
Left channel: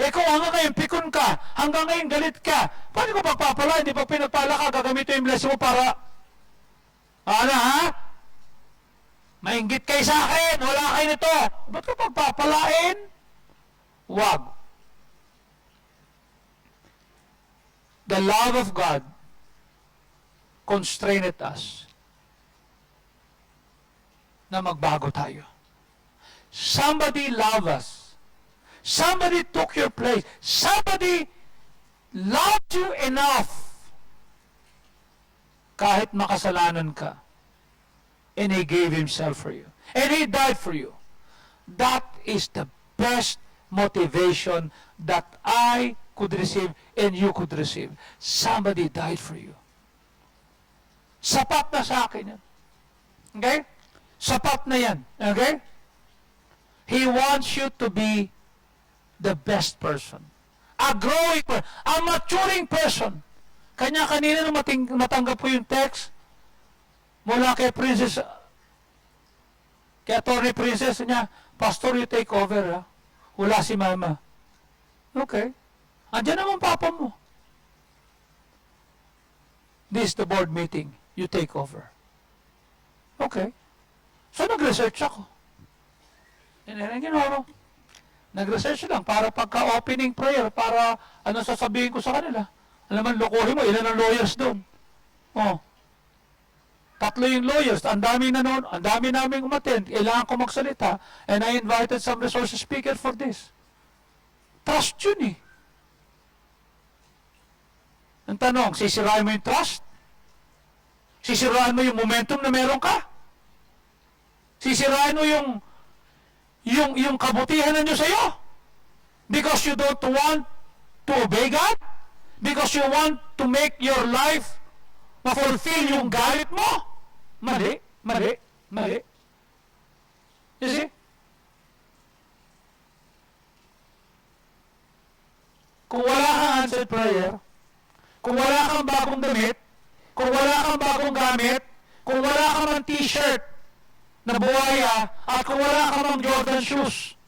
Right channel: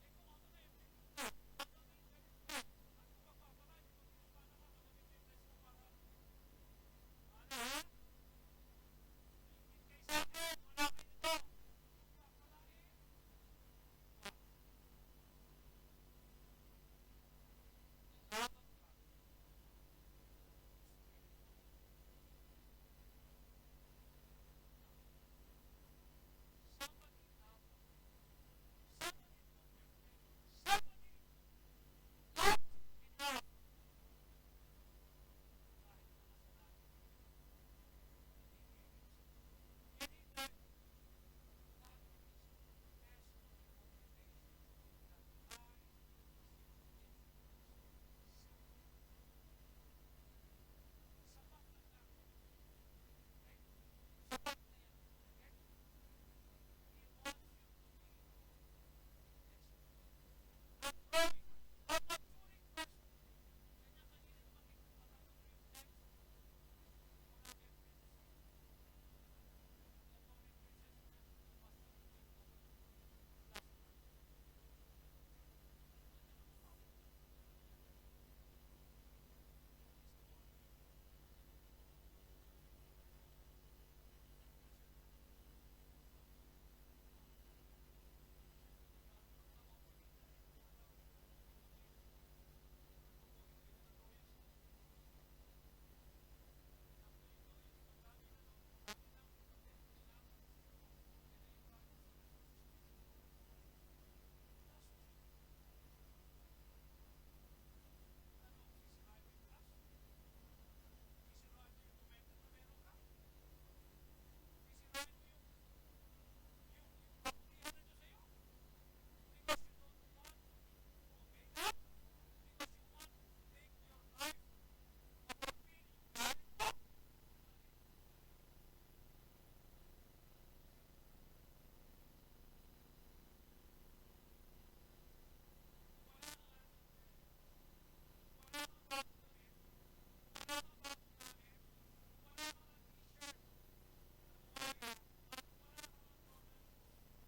Eh kung hanggang ngayon pikon ka, hanggang ngayon galit ka, paano ko pagpapala? Hindi pag pinagpala ka, gagamitin yung blessing mo para, ano ha? Mainggit kayo sa akin, wala kayo nito. Ba't ko pagpapalain? Wag. The love of God constrained us na magbago tayo. Somebody love us. Somebody took your place. Somebody loved you enough kahit makasalanan ka. And He gave Himself for you. And He died for you. That is the best motivation that I could receive and you could receive. Somebody died for you. Sapat na sa akin yan. Okay? Sapat na yan. Okay? He wants you to be the best person. A growing person. A maturing person. Kanya-kanina nung natanggap po yung text mula kay Princess, kay Attorney Princess niya, Pastor, you take over, ha? Wala si Mama. Okay. Andiyan naman papa mo. This is the board meeting. You take over. Okay. So, nag-research ako. Ginawa. Nag-research lang para pagka-opening prayer, para ano sasabihin ko sa kanila. Alam mo, lokohin mo, ilan ang lawyers doon? Oh. 3 yung lawyers, ang dami na noon, ang dami naming umattend, kailangan ko magsalita, and I invited some resource speaker for this. Trust yun eh. Ang tanong, sisirain mo yung trust? Sisirain mo yung momentum na meron ka? Sisirain mo yung kabutihan na nyo sa'yo? Because you don't want to obey God? Because you want to make your life ma-fulfill yung galit mo? Mali, mali, mali. You see? Kung wala kang answered prayer, kung wala kang bagong damit, kung wala kang bagong gamit, kung wala kang mang t-shirt na buhaya, at kung wala kang mang Jordan shoes,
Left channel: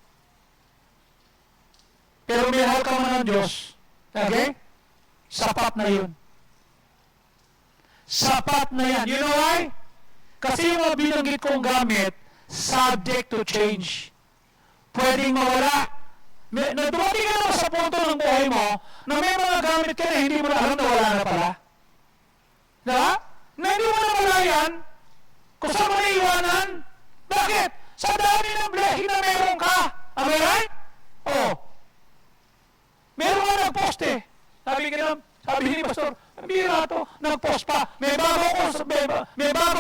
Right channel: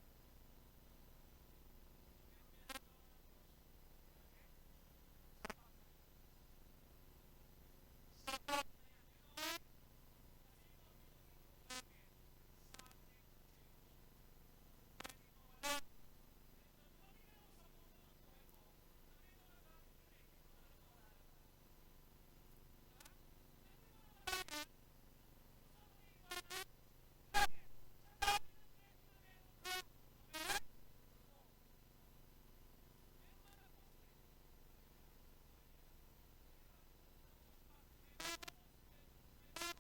pero minahal ka man ng Diyos, okay? Sapat na yun. Sapat na yan. You know why? Kasi yung mga binanggit kong gamit, subject to change. Pwedeng mawala. Dumating ka naman sa punto ng buhay mo na may mga gamit ka na hindi mo na alam na wala na pala. Diba? Na hindi mo na wala yan, kung saan mo naiwanan. Bakit? Sa dami ng blessing na meron ka. Am I right? Oh. Meron ka nag-post eh. Sabi ni Pastor, ang bira to, nag-post pa. May bago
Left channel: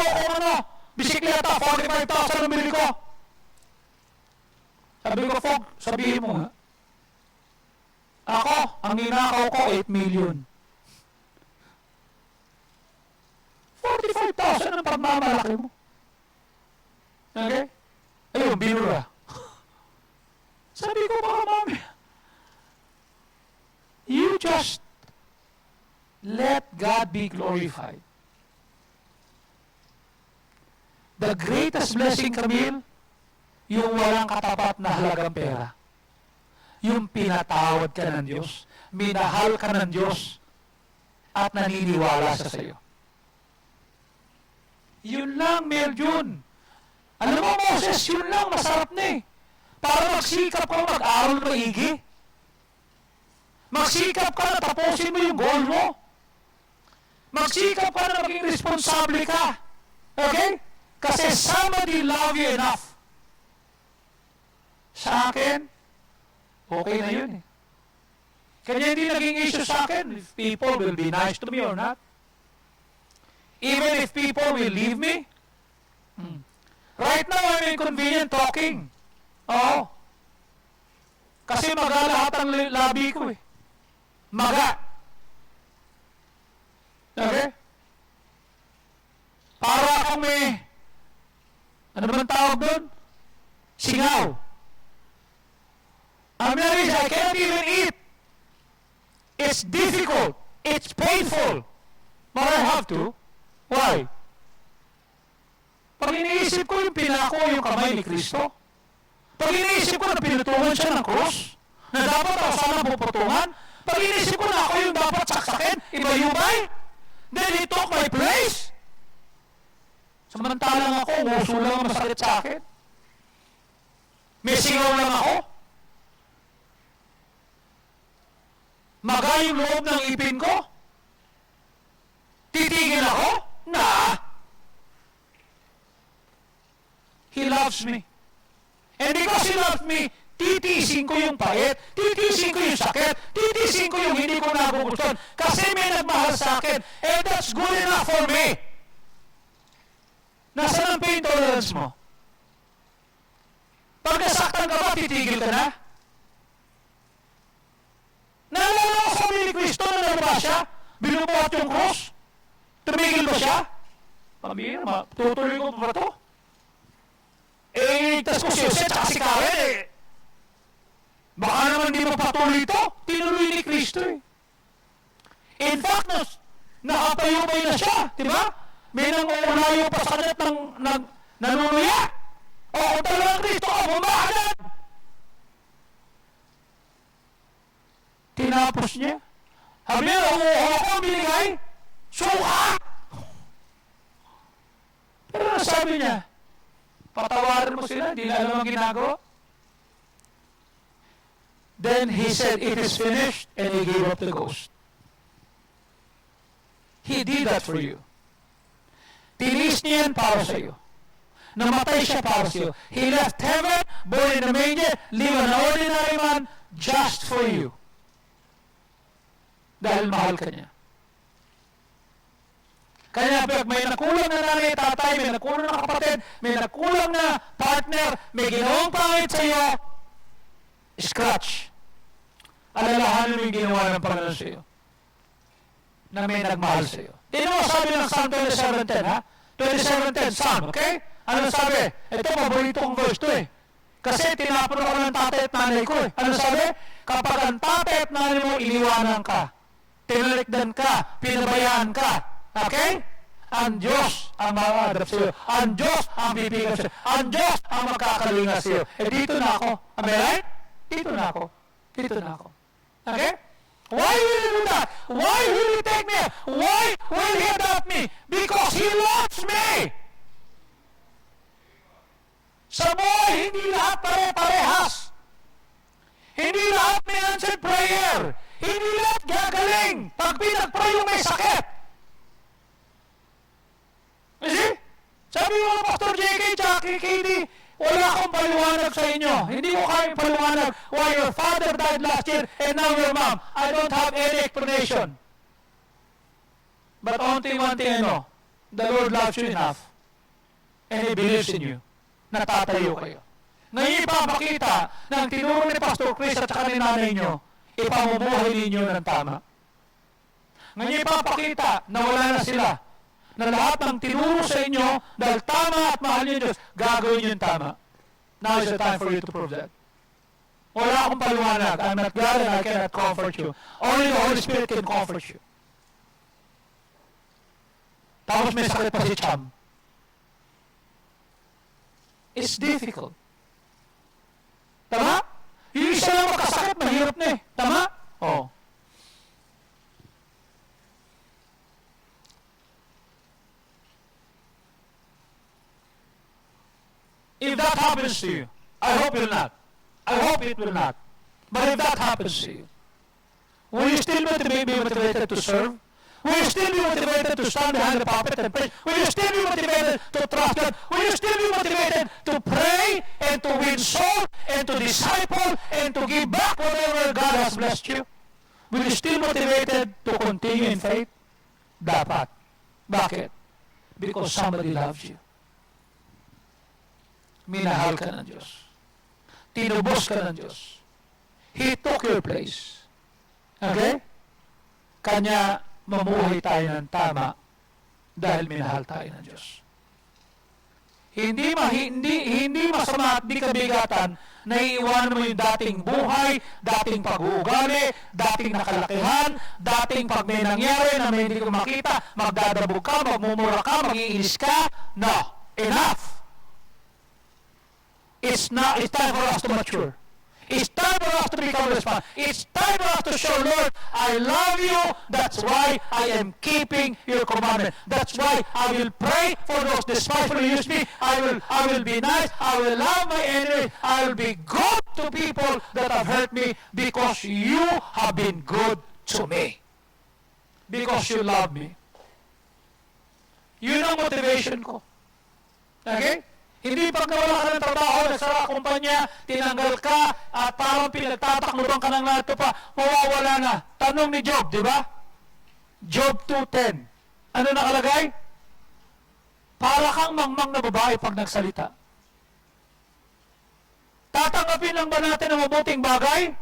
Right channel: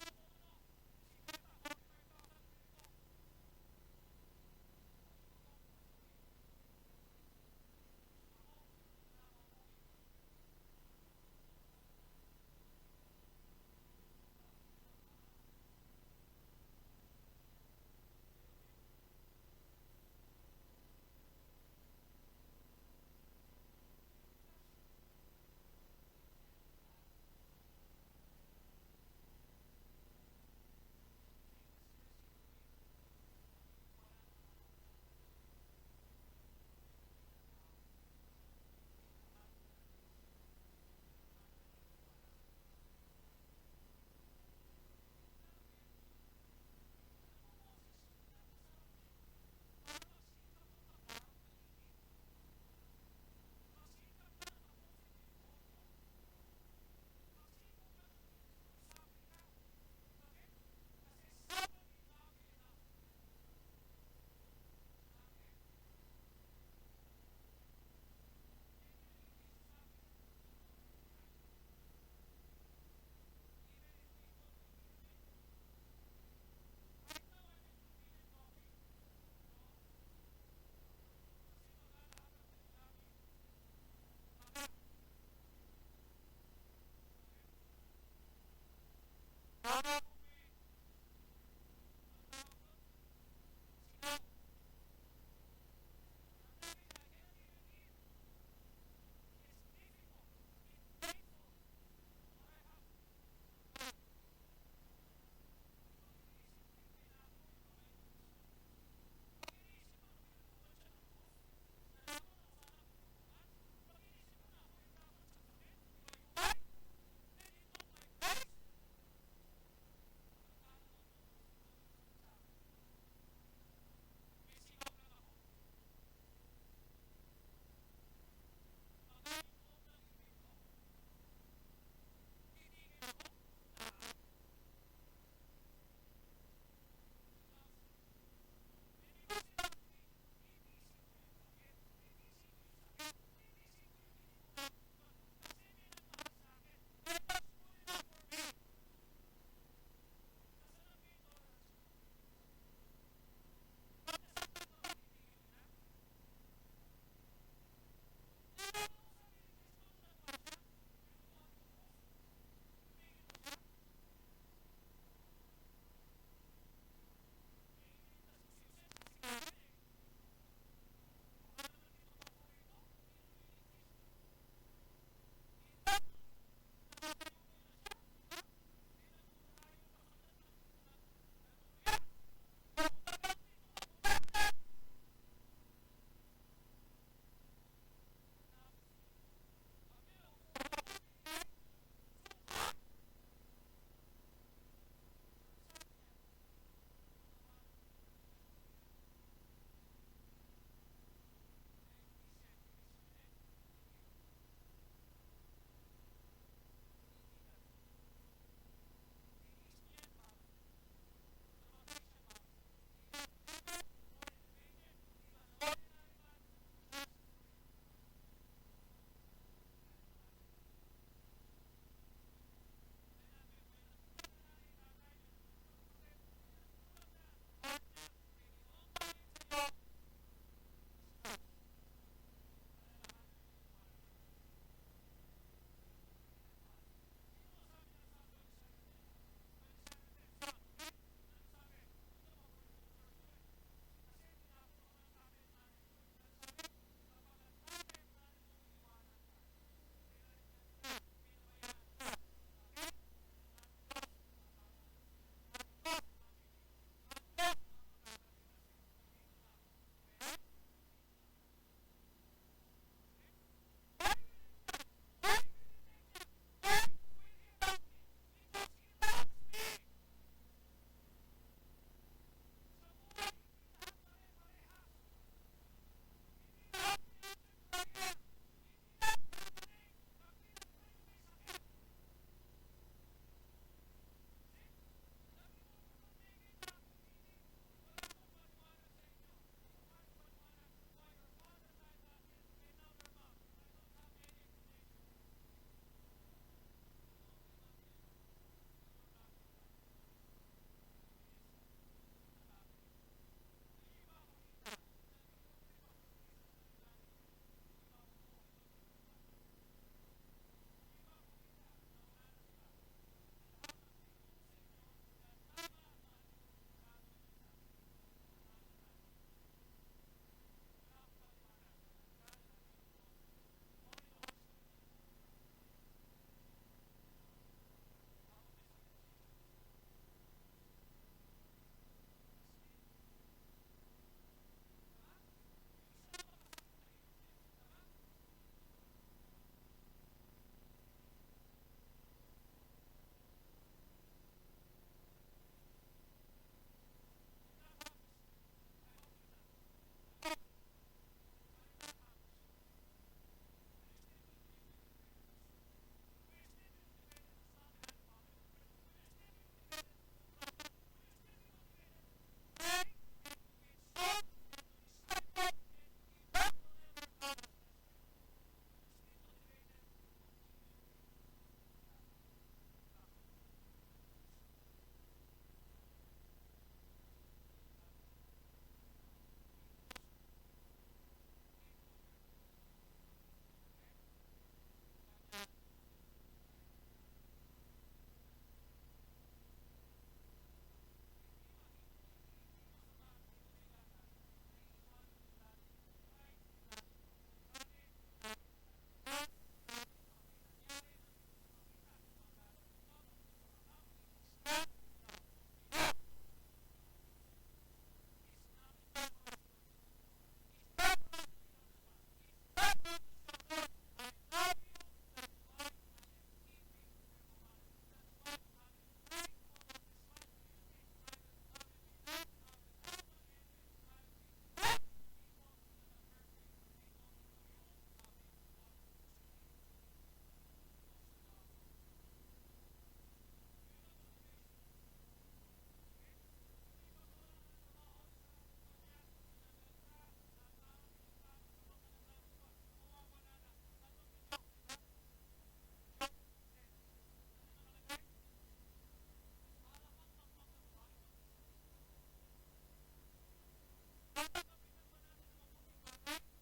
ko ano, bisikleta, 45,000 ang bili ko. Sabi ko, Fog, sabihin mo nga. Ako, ang ninakaw ko, 8 million. 45,000 ang pagmamalaki mo. Okay? Ayun, binura. Sabi ko, baka mami, you just let God be glorified. The greatest blessing, Camille, yung walang katapat na halagang pera. Yung pinatawad ka ng Diyos, minahal ka ng Diyos, at naniniwala sa sayo. Yun lang, Meljun. Alam mo, Moses, yun lang, masarap na eh. Para magsikap ka mag-aral maigi. Magsikap ka na tapusin mo yung goal mo. Magsikap ka na maging responsable ka. Okay? Kasi somebody love you enough. Sa akin, okay na yun eh. Kanya hindi naging issue sa akin if people will be nice to me or not. Even if people will leave me. Right now, I'm inconvenient talking. Oo. Kasi maga lahat ang labi ko eh. Maga. Okay? Para akong may, ano naman tawag doon? Singaw. I can't even eat. It's difficult. It's painful. But I have to. Why? Pag iniisip ko yung pinako yung kamay ni Kristo, pag iniisip ko na pinutungan siya ng krus, na dapat ako sana puputungan, pag iniisip ko na ako yung dapat saksakin, iba-yubay, then he took my place. Samantalang ako, nguso lang ang masakit sa akin. May singaw lang ako. Maga yung loob ng ipin ko. Titigil ako? Nah. He loves me. And because He loves me, titiisin ko yung pait, titiisin ko yung sakit, titiisin ko yung hindi ko nagugustuhan kasi may nagmahal sa akin. And that's good enough for me. Nasaan ang pain tolerance mo? Pag nasaktan ka ba, titigil ka na? Naalala ko sa ni Kristo na nalaba siya? Binubuhat yung cross? Tumigil ba siya? Pambira, tutuloy ko pa to? Tas ko si Jose at si Karen baka naman di mapatuloy ito. Tinuloy ni Kristo In fact, nakapayumay na siya. Diba? May nangulayo pa sa kanya ng nanunuya. O kung talagang Kristo ka, bumahalan. Tinapos niya. Sabi niya, umuha ko binigay. Suka! Pero sabi niya, patawarin mo sila, hindi na alam ang ginagawa. Then he said, it is finished, and he gave up the ghost. He did that for you. Tinis niya yan para sa iyo. Namatay siya para sa iyo. He left heaven, born in a manger, live an ordinary man, just for you. Dahil mahal ka niya. Kaya may nakulang na nanay, tatay, may nakulang na kapatid, may nakulang na partner, may ginawang pangit sa iyo, scratch. Alalahanin mo yung ginawa ng Panginoon sa iyo na may nagmahal sa iyo. Tingnan mo sabi ng Psalm 27:10, ha? 27:10, Psalm, okay? Ano sabi? Ito, paborito kong verse to Kasi tinapon ako ng tatay at nanay ko Ano sabi? Kapag ang tatay at nanay mo iniwanan ka, tinalikdan ka, pinabayaan ka, okay? Ang Diyos ang maaadap sa iyo. Ang Diyos ang bibigyan sa iyo. Ang Diyos ang magkakalinga sa iyo. Dito na ako. Am I right? Dito na ako. Dito na ako. Okay? Why will He do that? Why will He take me? Why will He adopt me? Because He loves me. Sa buhay, hindi lahat pare-parehas. Hindi lahat may answered prayer. Hindi lahat gagaling. Pag pinag-pray yung may sakit. You see? Sabi mo, Pastor JK, Jackie, Katie, wala akong paliwanag sa inyo. Hindi ko kayang paliwanag why your father died last year and now your mom. I don't have any explanation. But only one thing I know. The Lord loves you enough and He believes in you. Natatayo kayo. Ngayon ipapakita ng tinuro ni Pastor Chris at saka ni nanay nyo, ipamumuhay ninyo ng tama. Ngayon ipapakita na wala na sila, na lahat ng tinuro sa inyo, dahil tama at mahal niyo Diyos, gagawin niyo yung tama. Now is the time for you to prove that. Wala akong paliwanag. I'm not God and I cannot comfort you. Only the Holy Spirit can comfort you. Tapos may sakit pa si Cham. It's difficult. Tama? Yung isa lang makasakit, mahirap na Tama? Oo. If that happens to you, I hope it will not. I hope it will not. But if that happens to you, will you still be motivated to serve? Will you still be motivated to stand behind the pulpit and preach? Will you still be motivated to trust God? Will you still be motivated to pray and to win souls and to disciple and to give back whatever God has blessed you? Will you still motivated to continue in faith? Dapat. Bakit? Because somebody loves you. Minahal ka ng Diyos. Tinubos ka ng Diyos. He took your place. Okay? Kanya mamuhay tayo ng tama dahil minahal tayo ng Diyos. Hindi masama at di kabigatan naiiwanan mo yung dating buhay, dating pag-uugali, dating nakalakihan, dating pag may nangyari na may hindi ko makita, magdadabog ka, magmumura ka, mag-iinis ka. No, enough. It's time for us to mature. It's time for us to become responsible. It's time for us to show, Lord, I love you. That's why I am keeping your commandment. That's why I will pray for those despitefully use me. I will be nice. I will love my enemies. I will be good to people that have hurt me because you have been good to me. Because you love me. Yun ang motivation ko. Okay? Hindi pag nawala ka ng trabaho, nagsara kumpanya, tinanggal ka, at parang pinagtatakluban ka ng lahat pa, mawawala na. Tanong ni Job, di ba? Job 2:10. Ano nakalagay? Para kang mangmang na babae pag nagsalita. Tatanggapin lang ba natin ang mabuting bagay?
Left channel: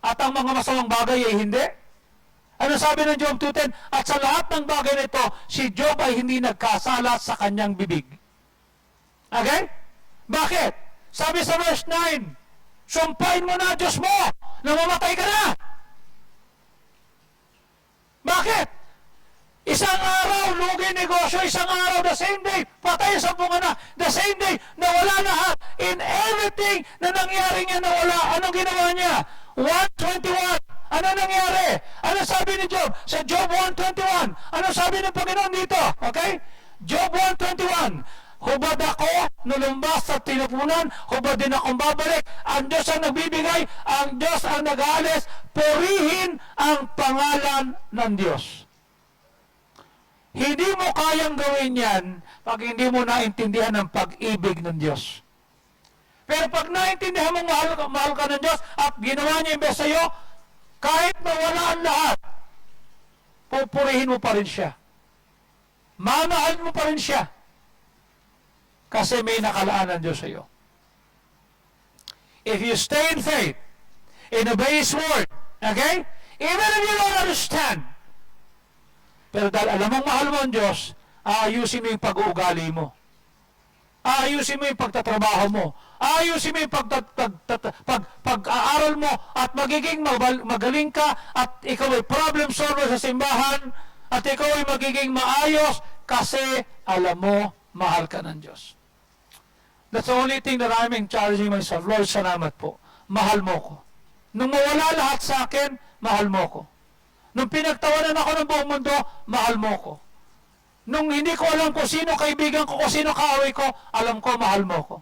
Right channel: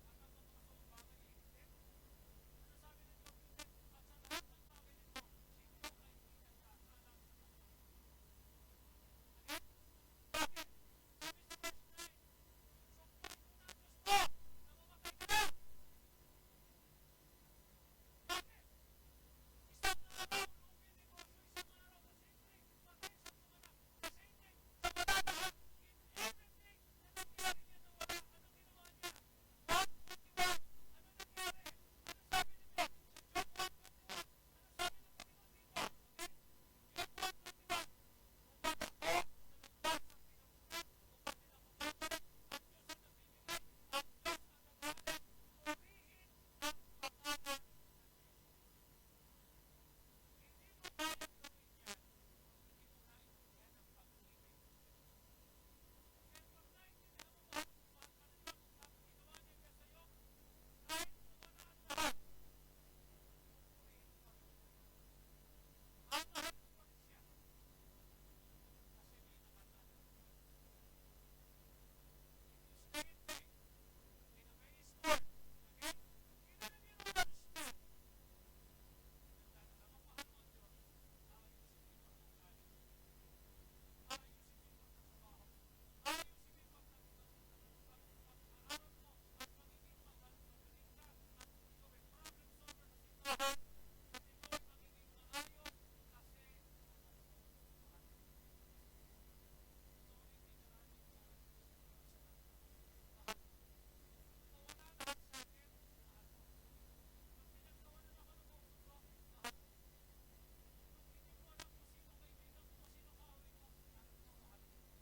At ang mga masamang bagay ay hindi? Ano sabi ng Job 2:10? At sa lahat ng bagay nito, si Job ay hindi nagkasala sa kanyang bibig. Okay? Bakit? Sabi sa verse 9, sumpain mo na Diyos mo na mamatay ka na. Bakit? Isang araw, lugi negosyo, isang araw, the same day, patay sa bunga na, the same day, nawala lahat. In everything na nangyari niya nawala, anong ginawa niya? 1:21. Ano nangyari? Ano sabi ni Job? Sa Job 1:21. Ano sabi ng Panginoon dito? Okay? Job 1:21. Hubad ako, nulumbas sa tinupunan, hubad din akong babalik. Ang Diyos ang nagbibigay, ang Diyos ang nag-aalis, purihin ang pangalan ng Diyos. Hindi mo kayang gawin yan pag hindi mo naintindihan ang pag-ibig ng Diyos. Pero pag naintindihan mo mahal ka ng Diyos at ginawa niya yung best sa'yo, kahit mawala ang lahat, pupurihin mo pa rin siya. Mamahalin mo pa rin siya. Kasi may nakalaan ng Diyos sa iyo. If you stay in faith, and obey His word, okay? Even if you don't understand, pero dahil alam mong mahal mo ang Diyos, aayusin mo yung pag-uugali mo. Aayusin mo yung pagtatrabaho mo. Aayusin mo yung pag-aaral mo at magiging magaling ka at ikaw ay problem solver sa simbahan at ikaw ay magiging maayos kasi alam mo, mahal ka ng Diyos. That's the only thing that I'm encouraging myself. Lord, salamat po. Mahal mo ko. Nung mawala lahat sa akin, mahal mo ko. Nung pinagtawanan ako ng buong mundo, mahal mo ko. Nung hindi ko alam kung sino kaibigan ko, kung sino kaaway ko, alam ko, mahal mo ko.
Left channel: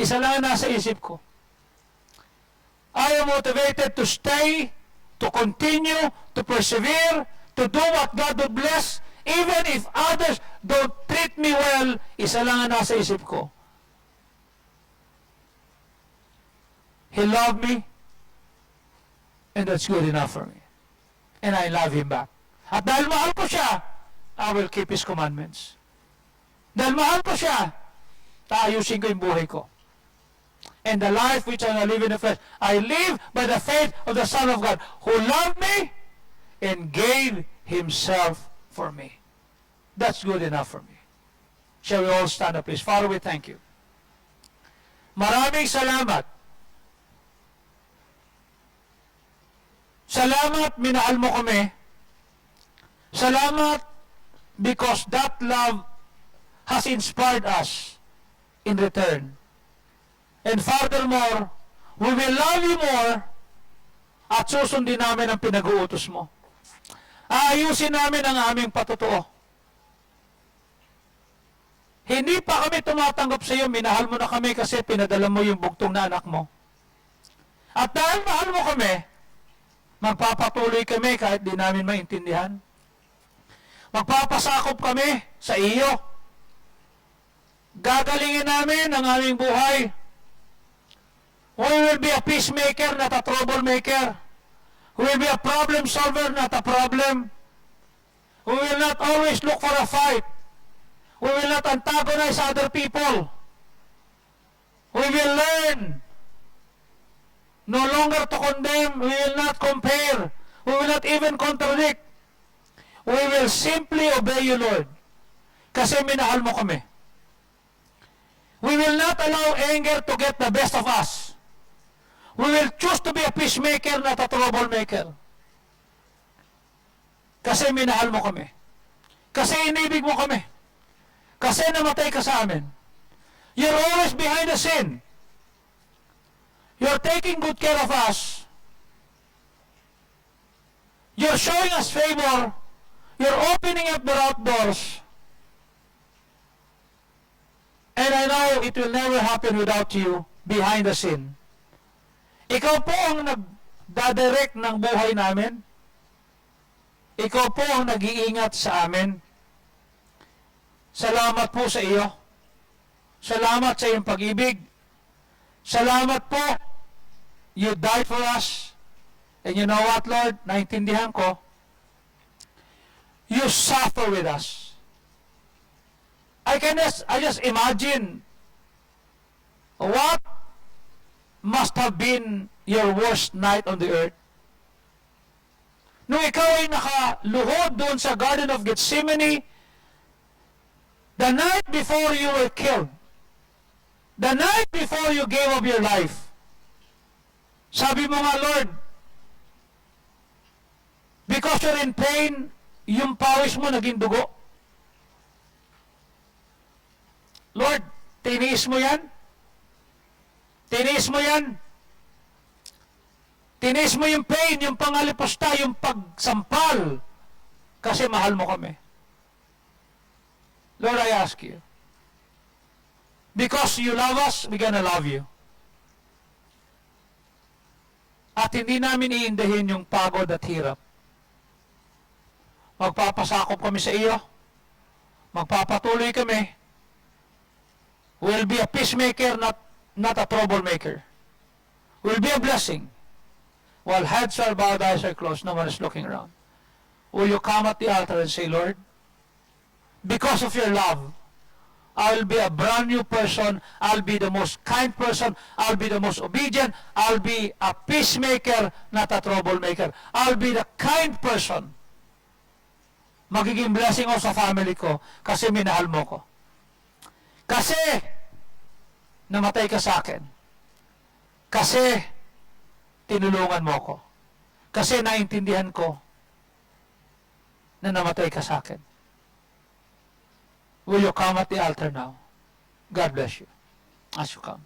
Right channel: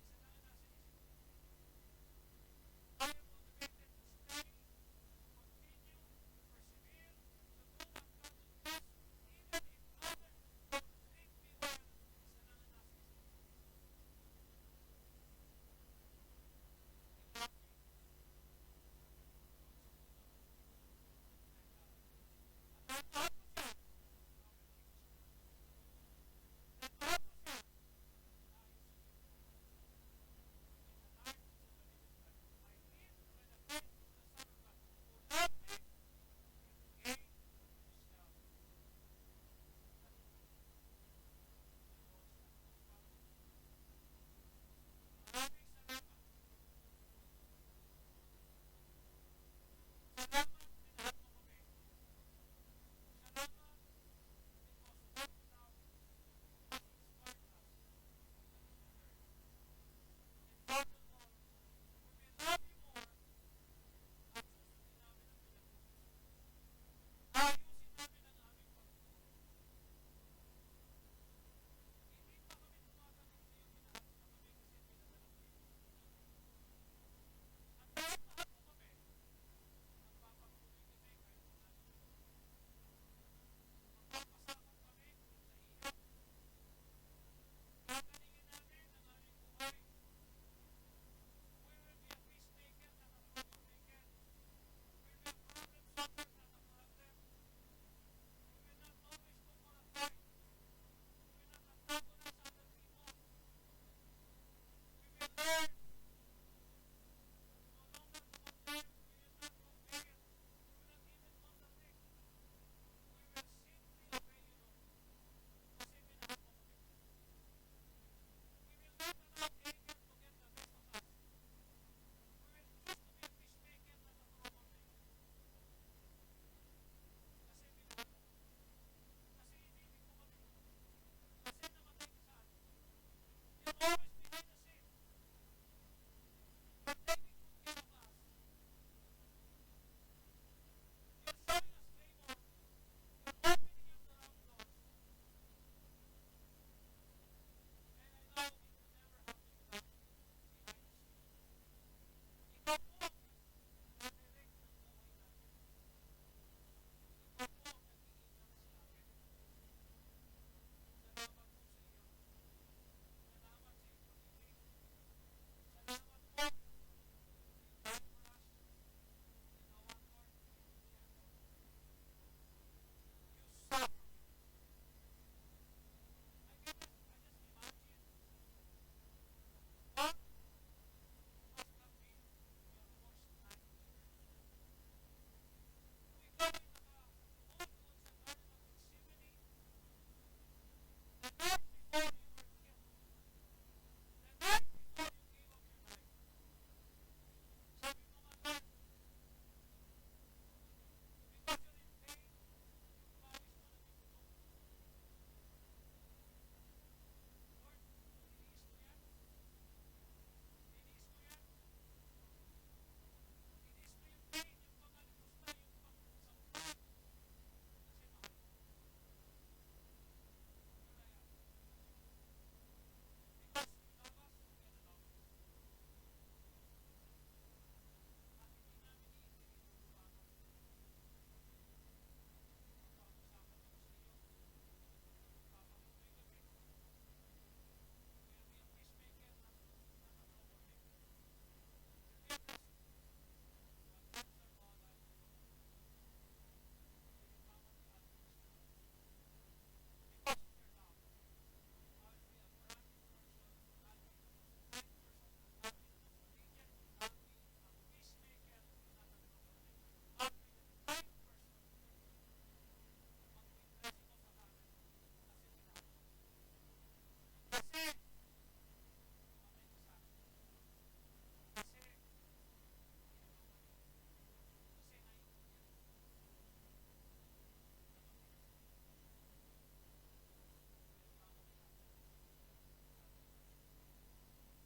Isa lang ang nasa isip ko. I am motivated to stay, to continue, to persevere, to do what God would bless, even if others don't treat me well. Isa lang ang nasa isip ko. He loved me, and that's good enough for me. And I love Him back. At dahil mahal ko siya, I will keep His commandments. Dahil mahal ko siya, taayusin ko yung buhay ko. And the life which I live in the flesh, I live by the faith of the Son of God, who loved me and gave Himself for me. That's good enough for me. Shall we all stand up, please? Father, we thank you. Maraming salamat. Salamat, minahal mo kami. Salamat because that love has inspired us in return. And furthermore, we will love you more at susundin namin ang pinag-uutos mo. Aayusin namin ang aming patutuo. Hindi pa kami tumatanggap sa iyo, minahal mo na kami kasi pinadala mo yung bugtong na anak mo. At dahil mahal mo kami, magpapatuloy kami kahit di namin maintindihan. Magpapasakop kami sa iyo. Gagalingin namin ang aming buhay. We will be a peacemaker, not a troublemaker. We will be a problem solver, not a problem. We will not always look for a fight. We will not antagonize other people. We will learn no longer to condemn. We will not compare. We will not even contradict. We will simply obey you, Lord. Kasi minahal mo kami. We will not allow anger to get the best of us. We will choose to be a peacemaker, not a troublemaker. Kasi minahal mo kami. Kasi inibig mo kami. Kasi namatay ka sa amin. You're always behind the scene. You're taking good care of us. You're showing us favor. You're opening up the route doors. And I know it will never happen without you behind the scene. Ikaw po ang nagdadirect ng buhay namin. Ikaw po ang nag-iingat sa amin. Salamat po sa iyo. Salamat sa iyong pag-ibig. Salamat po. You died for us. And you know what, Lord? Naintindihan ko. You suffer with us. I just imagine what must have been your worst night on the earth. Nung ikaw ay nakaluhod doon sa Garden of Gethsemane, the night before you were killed, the night before you gave up your life, sabi mo nga, Lord, because you're in pain, yung pawis mo naging dugo. Lord, tiniis mo yan? Tiniis mo yan? Tiniis mo yung pain, yung pangalipusta, yung pagsampal, kasi mahal mo kami. Lord, I ask you, because you love us, we're gonna love you. At hindi namin iindahin yung pagod at hirap. Magpapasakop kami sa iyo. Magpapatuloy kami. We'll be a peacemaker, not a troublemaker. We'll be a blessing. While heads are bowed, eyes are closed, no one is looking around. Will you come at the altar and say, Lord, because of your love, I'll be a brand new person. I'll be the most kind person. I'll be the most obedient. I'll be a peacemaker, not a troublemaker. I'll be the kind person. Magiging blessing ako sa family ko kasi minahal mo ko. Kasi namatay ka sa akin. Kasi tinulungan mo ko. Kasi naintindihan ko na namatay ka sa akin. Will you come at the altar now? God bless you as you come.